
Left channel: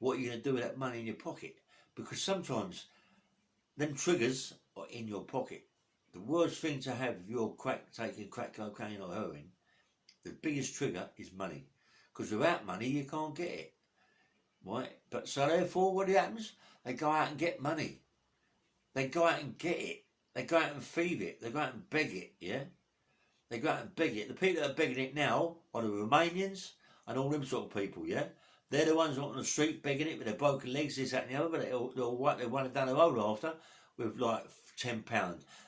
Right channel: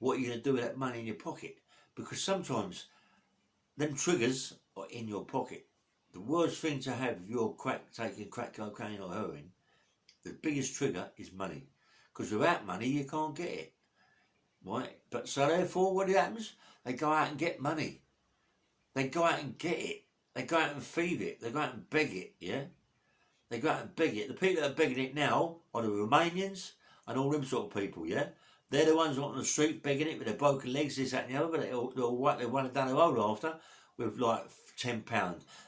What are you going to do with that money in your pocket? Because sometimes them triggers are in your pocket. The worst thing to have if you're taking crack cocaine or heroin, the biggest trigger is money. Because without money, you can't get it. Right? But so therefore, what happens? They go out and get money. They go out and get it. They go out and feed it. They go out and beg it, yeah? They go out and beg it. The people that are begging it now are the Romanians and all them sort of people, yeah? They're the ones on the street begging it with their broken legs, this, that and the other, but they want it down the road after with like £10.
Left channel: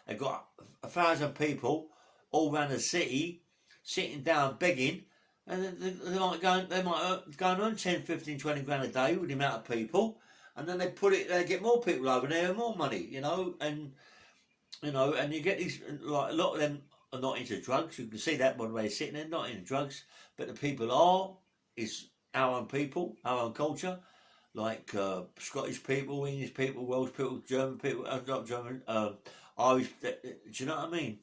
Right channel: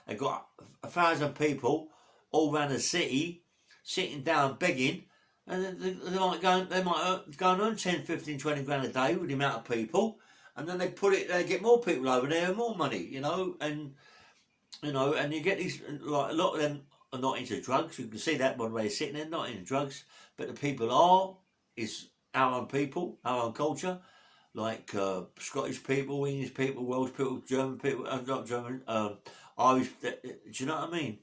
They've got 1,000 people all around the city sitting down begging, and they might go and earn 10, 15, 20 grand a day with the amount of people, and then they get more people over there and more money, and you get these, like a lot of them are not into drugs. You can see that by the way they're sitting there, not into drugs, but the people is our own people, our own culture, like Scottish people, English people, Welsh people, German people, not German, Irish, do you know what I mean?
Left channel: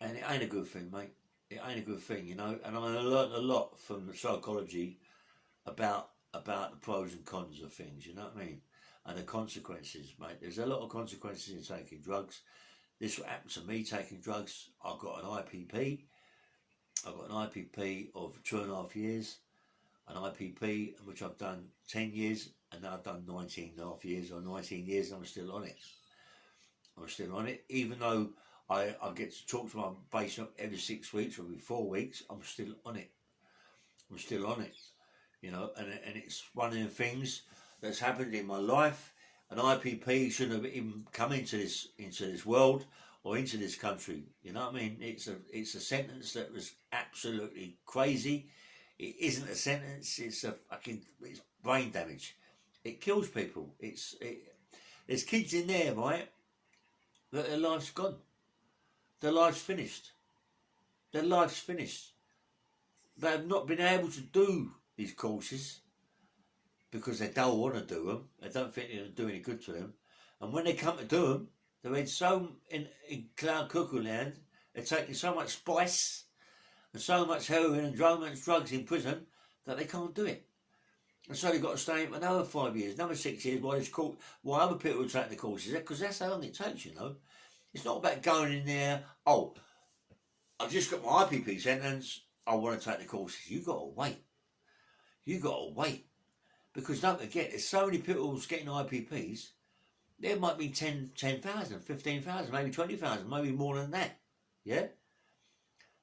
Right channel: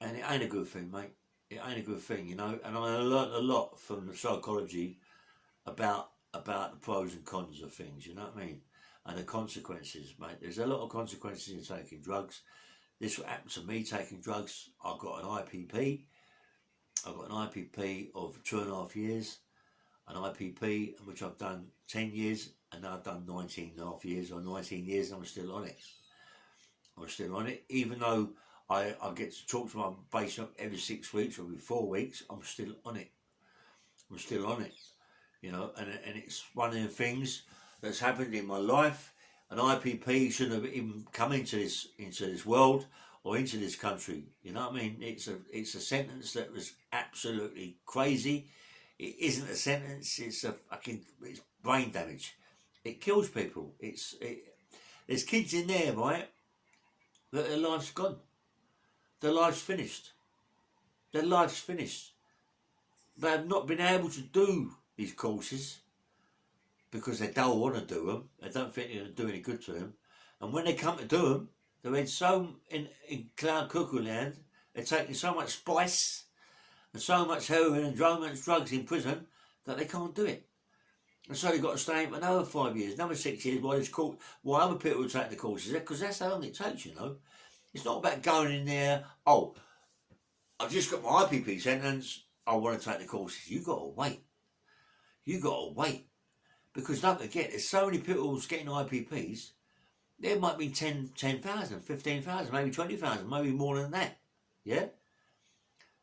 And it ain't a good thing, mate. It ain't a good thing, and I learnt a lot from the psychology about the pros and cons of things, you know what I mean? And the consequences, mate. There's a lot of consequences in taking drugs. This what happened to me taking drugs. I've got an IPP. I've got an IPP of 2.5 years. An IPP which I've done 10 years, and now I've done 19.5 years or 19 years, and I'm still on it. I'm still on it, even though I get to talk to my patient every 6 weeks or every 4 weeks. I'm still on it. I'm still on it, and it's one of the things that's happened in my life. An IPP shouldn't have even come into this world or into this country. You know what I mean? It's a sentence that was absolutely crazy. It isn't a sentence. It's brain damage. It kills people. There's kids in there, right? That their life's gone. Their life's finished. Their life's finished. They have not been able to do these courses because they don't want to do them. They don't think they're going to do any good to them. And when they come to do them, they're in clown cuckoo land. They're taking so much spice and so much heroin and drugs in prison that they can't do it. And so they've got to stay for another 5 years, another 6 years while other people will take the courses, because that's how long it takes, It's not about going in there, I just got my IPP sentence, I want to take the courses. You've got to wait. You've got to wait. Because don't forget, there's so many people getting IPPs, there might be 10,000, 15,000, maybe 20,000, maybe more than that, yeah?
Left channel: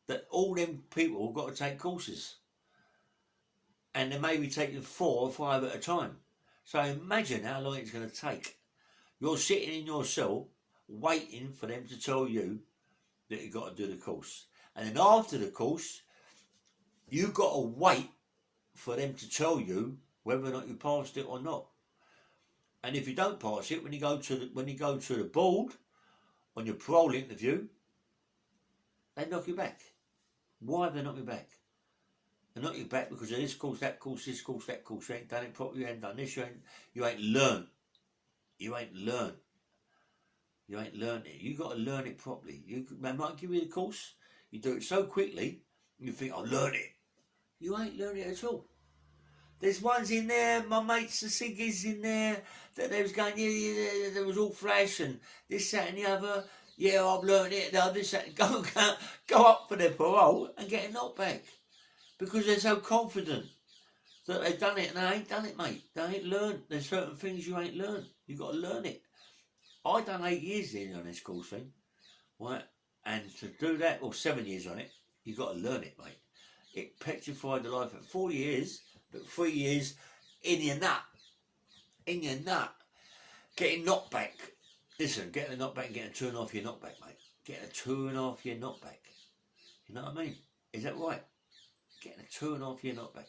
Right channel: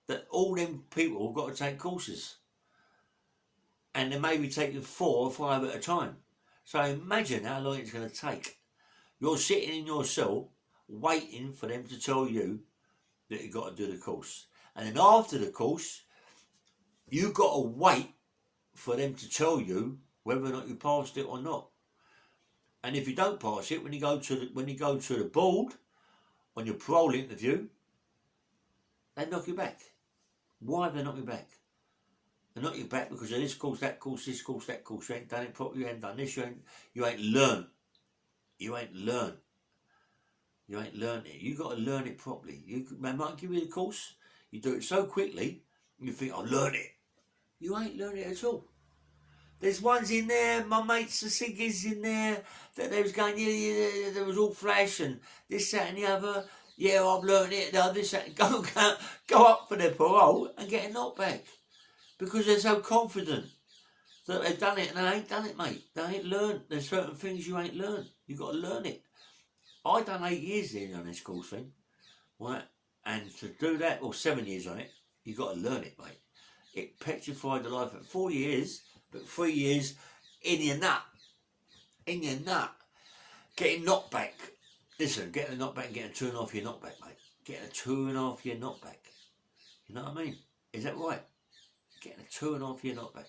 That all them people have got to take courses. And they may be taking 4 or 5 at a time. So imagine how long it's going to take. You're sitting in your cell waiting for them to tell you that you've got to do the course. And then after the course, you've got to wait for them to tell you whether or not you passed it or not. And if you don't pass it, when you go to the board on your parole interview, they knock you back. Why have they knocked you back? They knock you back because of this course, that course, this course, that course. You ain't done it properly, you ain't done this, you ain't learned. You ain't learned. You ain't learned it. You got to learn it properly. They might give you the course, you do it so quickly, you think, I'll learn it. You ain't learned it at all. There's ones in there, my mates, the ciggies in there, that they was going, yeah, there was all flash and this, that and the other. Yeah, I've learned it, this, that. Go up for their parole and get a knockback. Because they're so confident that they've done it and they ain't done it, mate. They ain't learned. There's certain things you ain't learned. You've got to learn it. I done 8 years there on this course thing, right? And to do that, or 7 years on it, you've got to learn it, mate. It petrified the life at 4 years, but 3 years in your nut. In your nut. Getting knocked back. Listen, getting a knockback and getting a turn off your knockback, mate. Getting a turn off your knockback. You know what I mean? Is that right? Getting a turn off your knockback.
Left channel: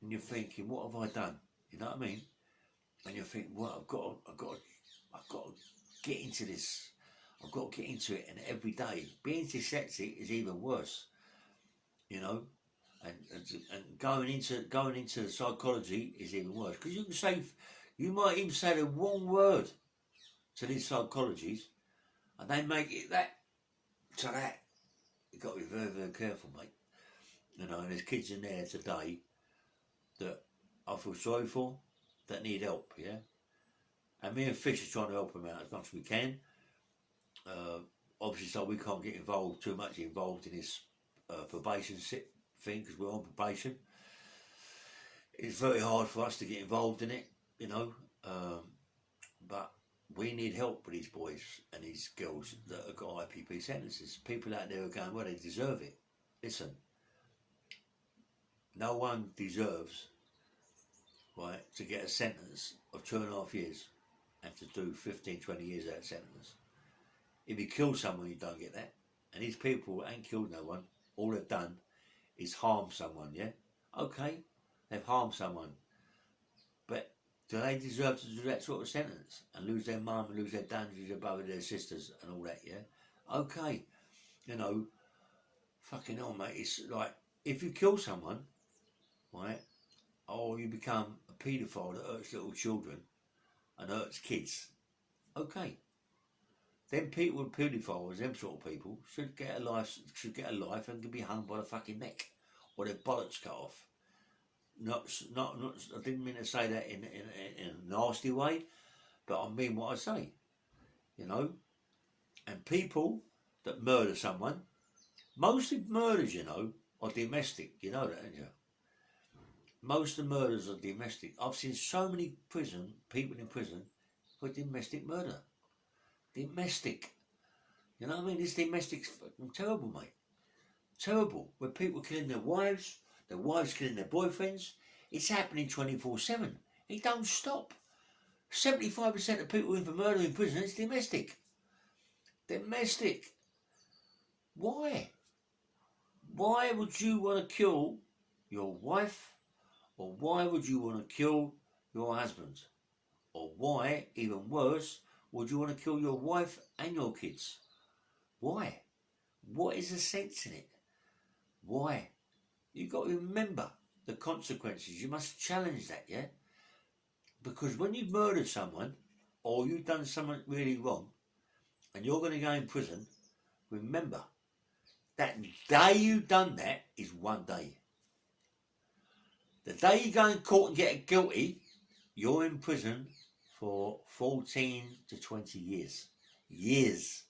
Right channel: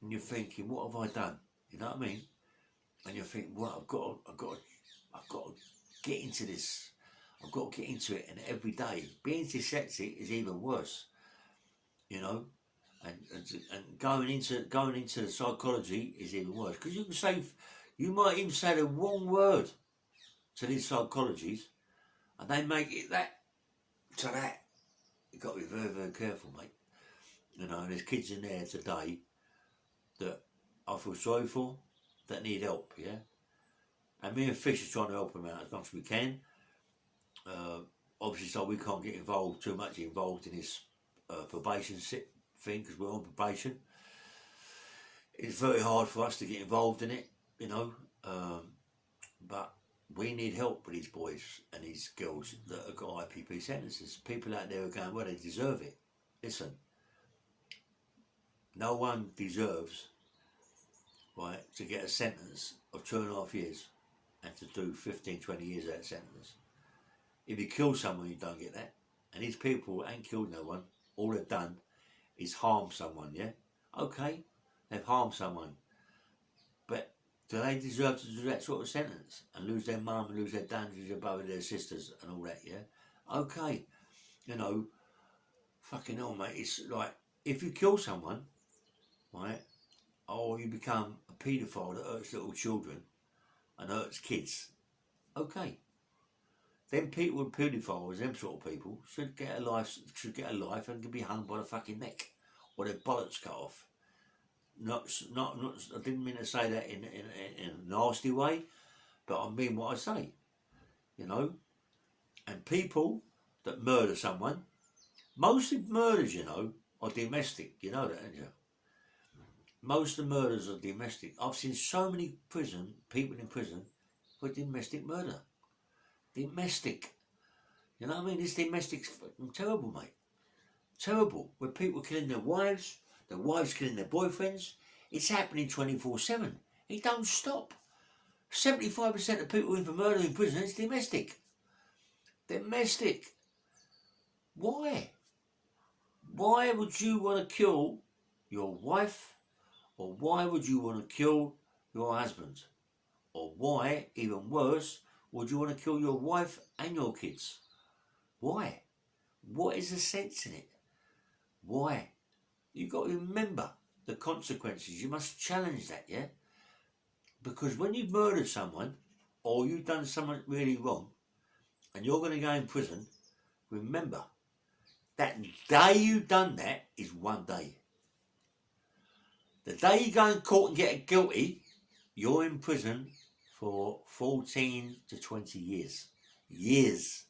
And you're thinking, what have I done? You know what I mean? And you think, well, I've got to get into this. I've got to get into it, and every day being dyslexic is even worse. You know, and going into the psychology is even worse, because you might even say the wrong word to these psychologies, and they make it that to that. You've got to be very, very careful, mate. You know, there's kids in there today that I feel sorry for, that need help, yeah? And me and Fish are trying to help them out as much as we can. Obviously, so we can't get too much involved in this probation thing, because we're on probation. It's very hard for us to get involved in it, you know, but we need help with these boys and these girls that have got IPP sentences. People out there are going, well, they deserve it. Listen, no one deserves, right, to get a sentence of 2.5 years and to do 15, 20 years of that sentence. If you kill someone, you don't get that. And these people ain't killed no one. All they've done is harm someone, yeah? Okay, they've harmed someone. But do they deserve to do that sort of sentence and lose their mum and lose their dad, lose their brother, their sisters and all that, yeah? Okay, you know, fucking hell, mate. It's like, if you kill someone, right, or you become a paedophile that hurts little children and hurts kids, okay. Them people with paedophiles, them sort of people, should get a life and could be hung by the fucking neck or their bollocks cut off. Not. I didn't mean to say that in a nasty way, but I mean what I say. You know, and people that murder someone, mostly murders, you know, are domestic. You know that, don't you? Most of the murders are domestic. I've seen so many people in prison for domestic murder. Domestic. You know what I mean? This domestic's fucking terrible, mate. Terrible. Where people killing their wives killing their boyfriends. It's happening 24/7. It don't stop. 75% of people in for murder in prison is domestic. Domestic. Why? Why would you want to kill your wife? Or why would you want to kill your husband? Or why, even worse, would you want to kill your wife and your kids? Why? What is the sense in it? Why? You've got to remember the consequences. You must challenge that, yeah? Because when you've murdered someone, or you've done something really wrong, and you're going to go in prison, remember, that day you've done that is one day. The day you go in court and get guilty, you're in prison for 14 to 20 years. Years.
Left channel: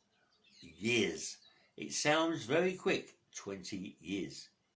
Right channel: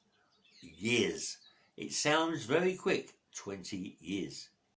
It sounds very quick, 20 years.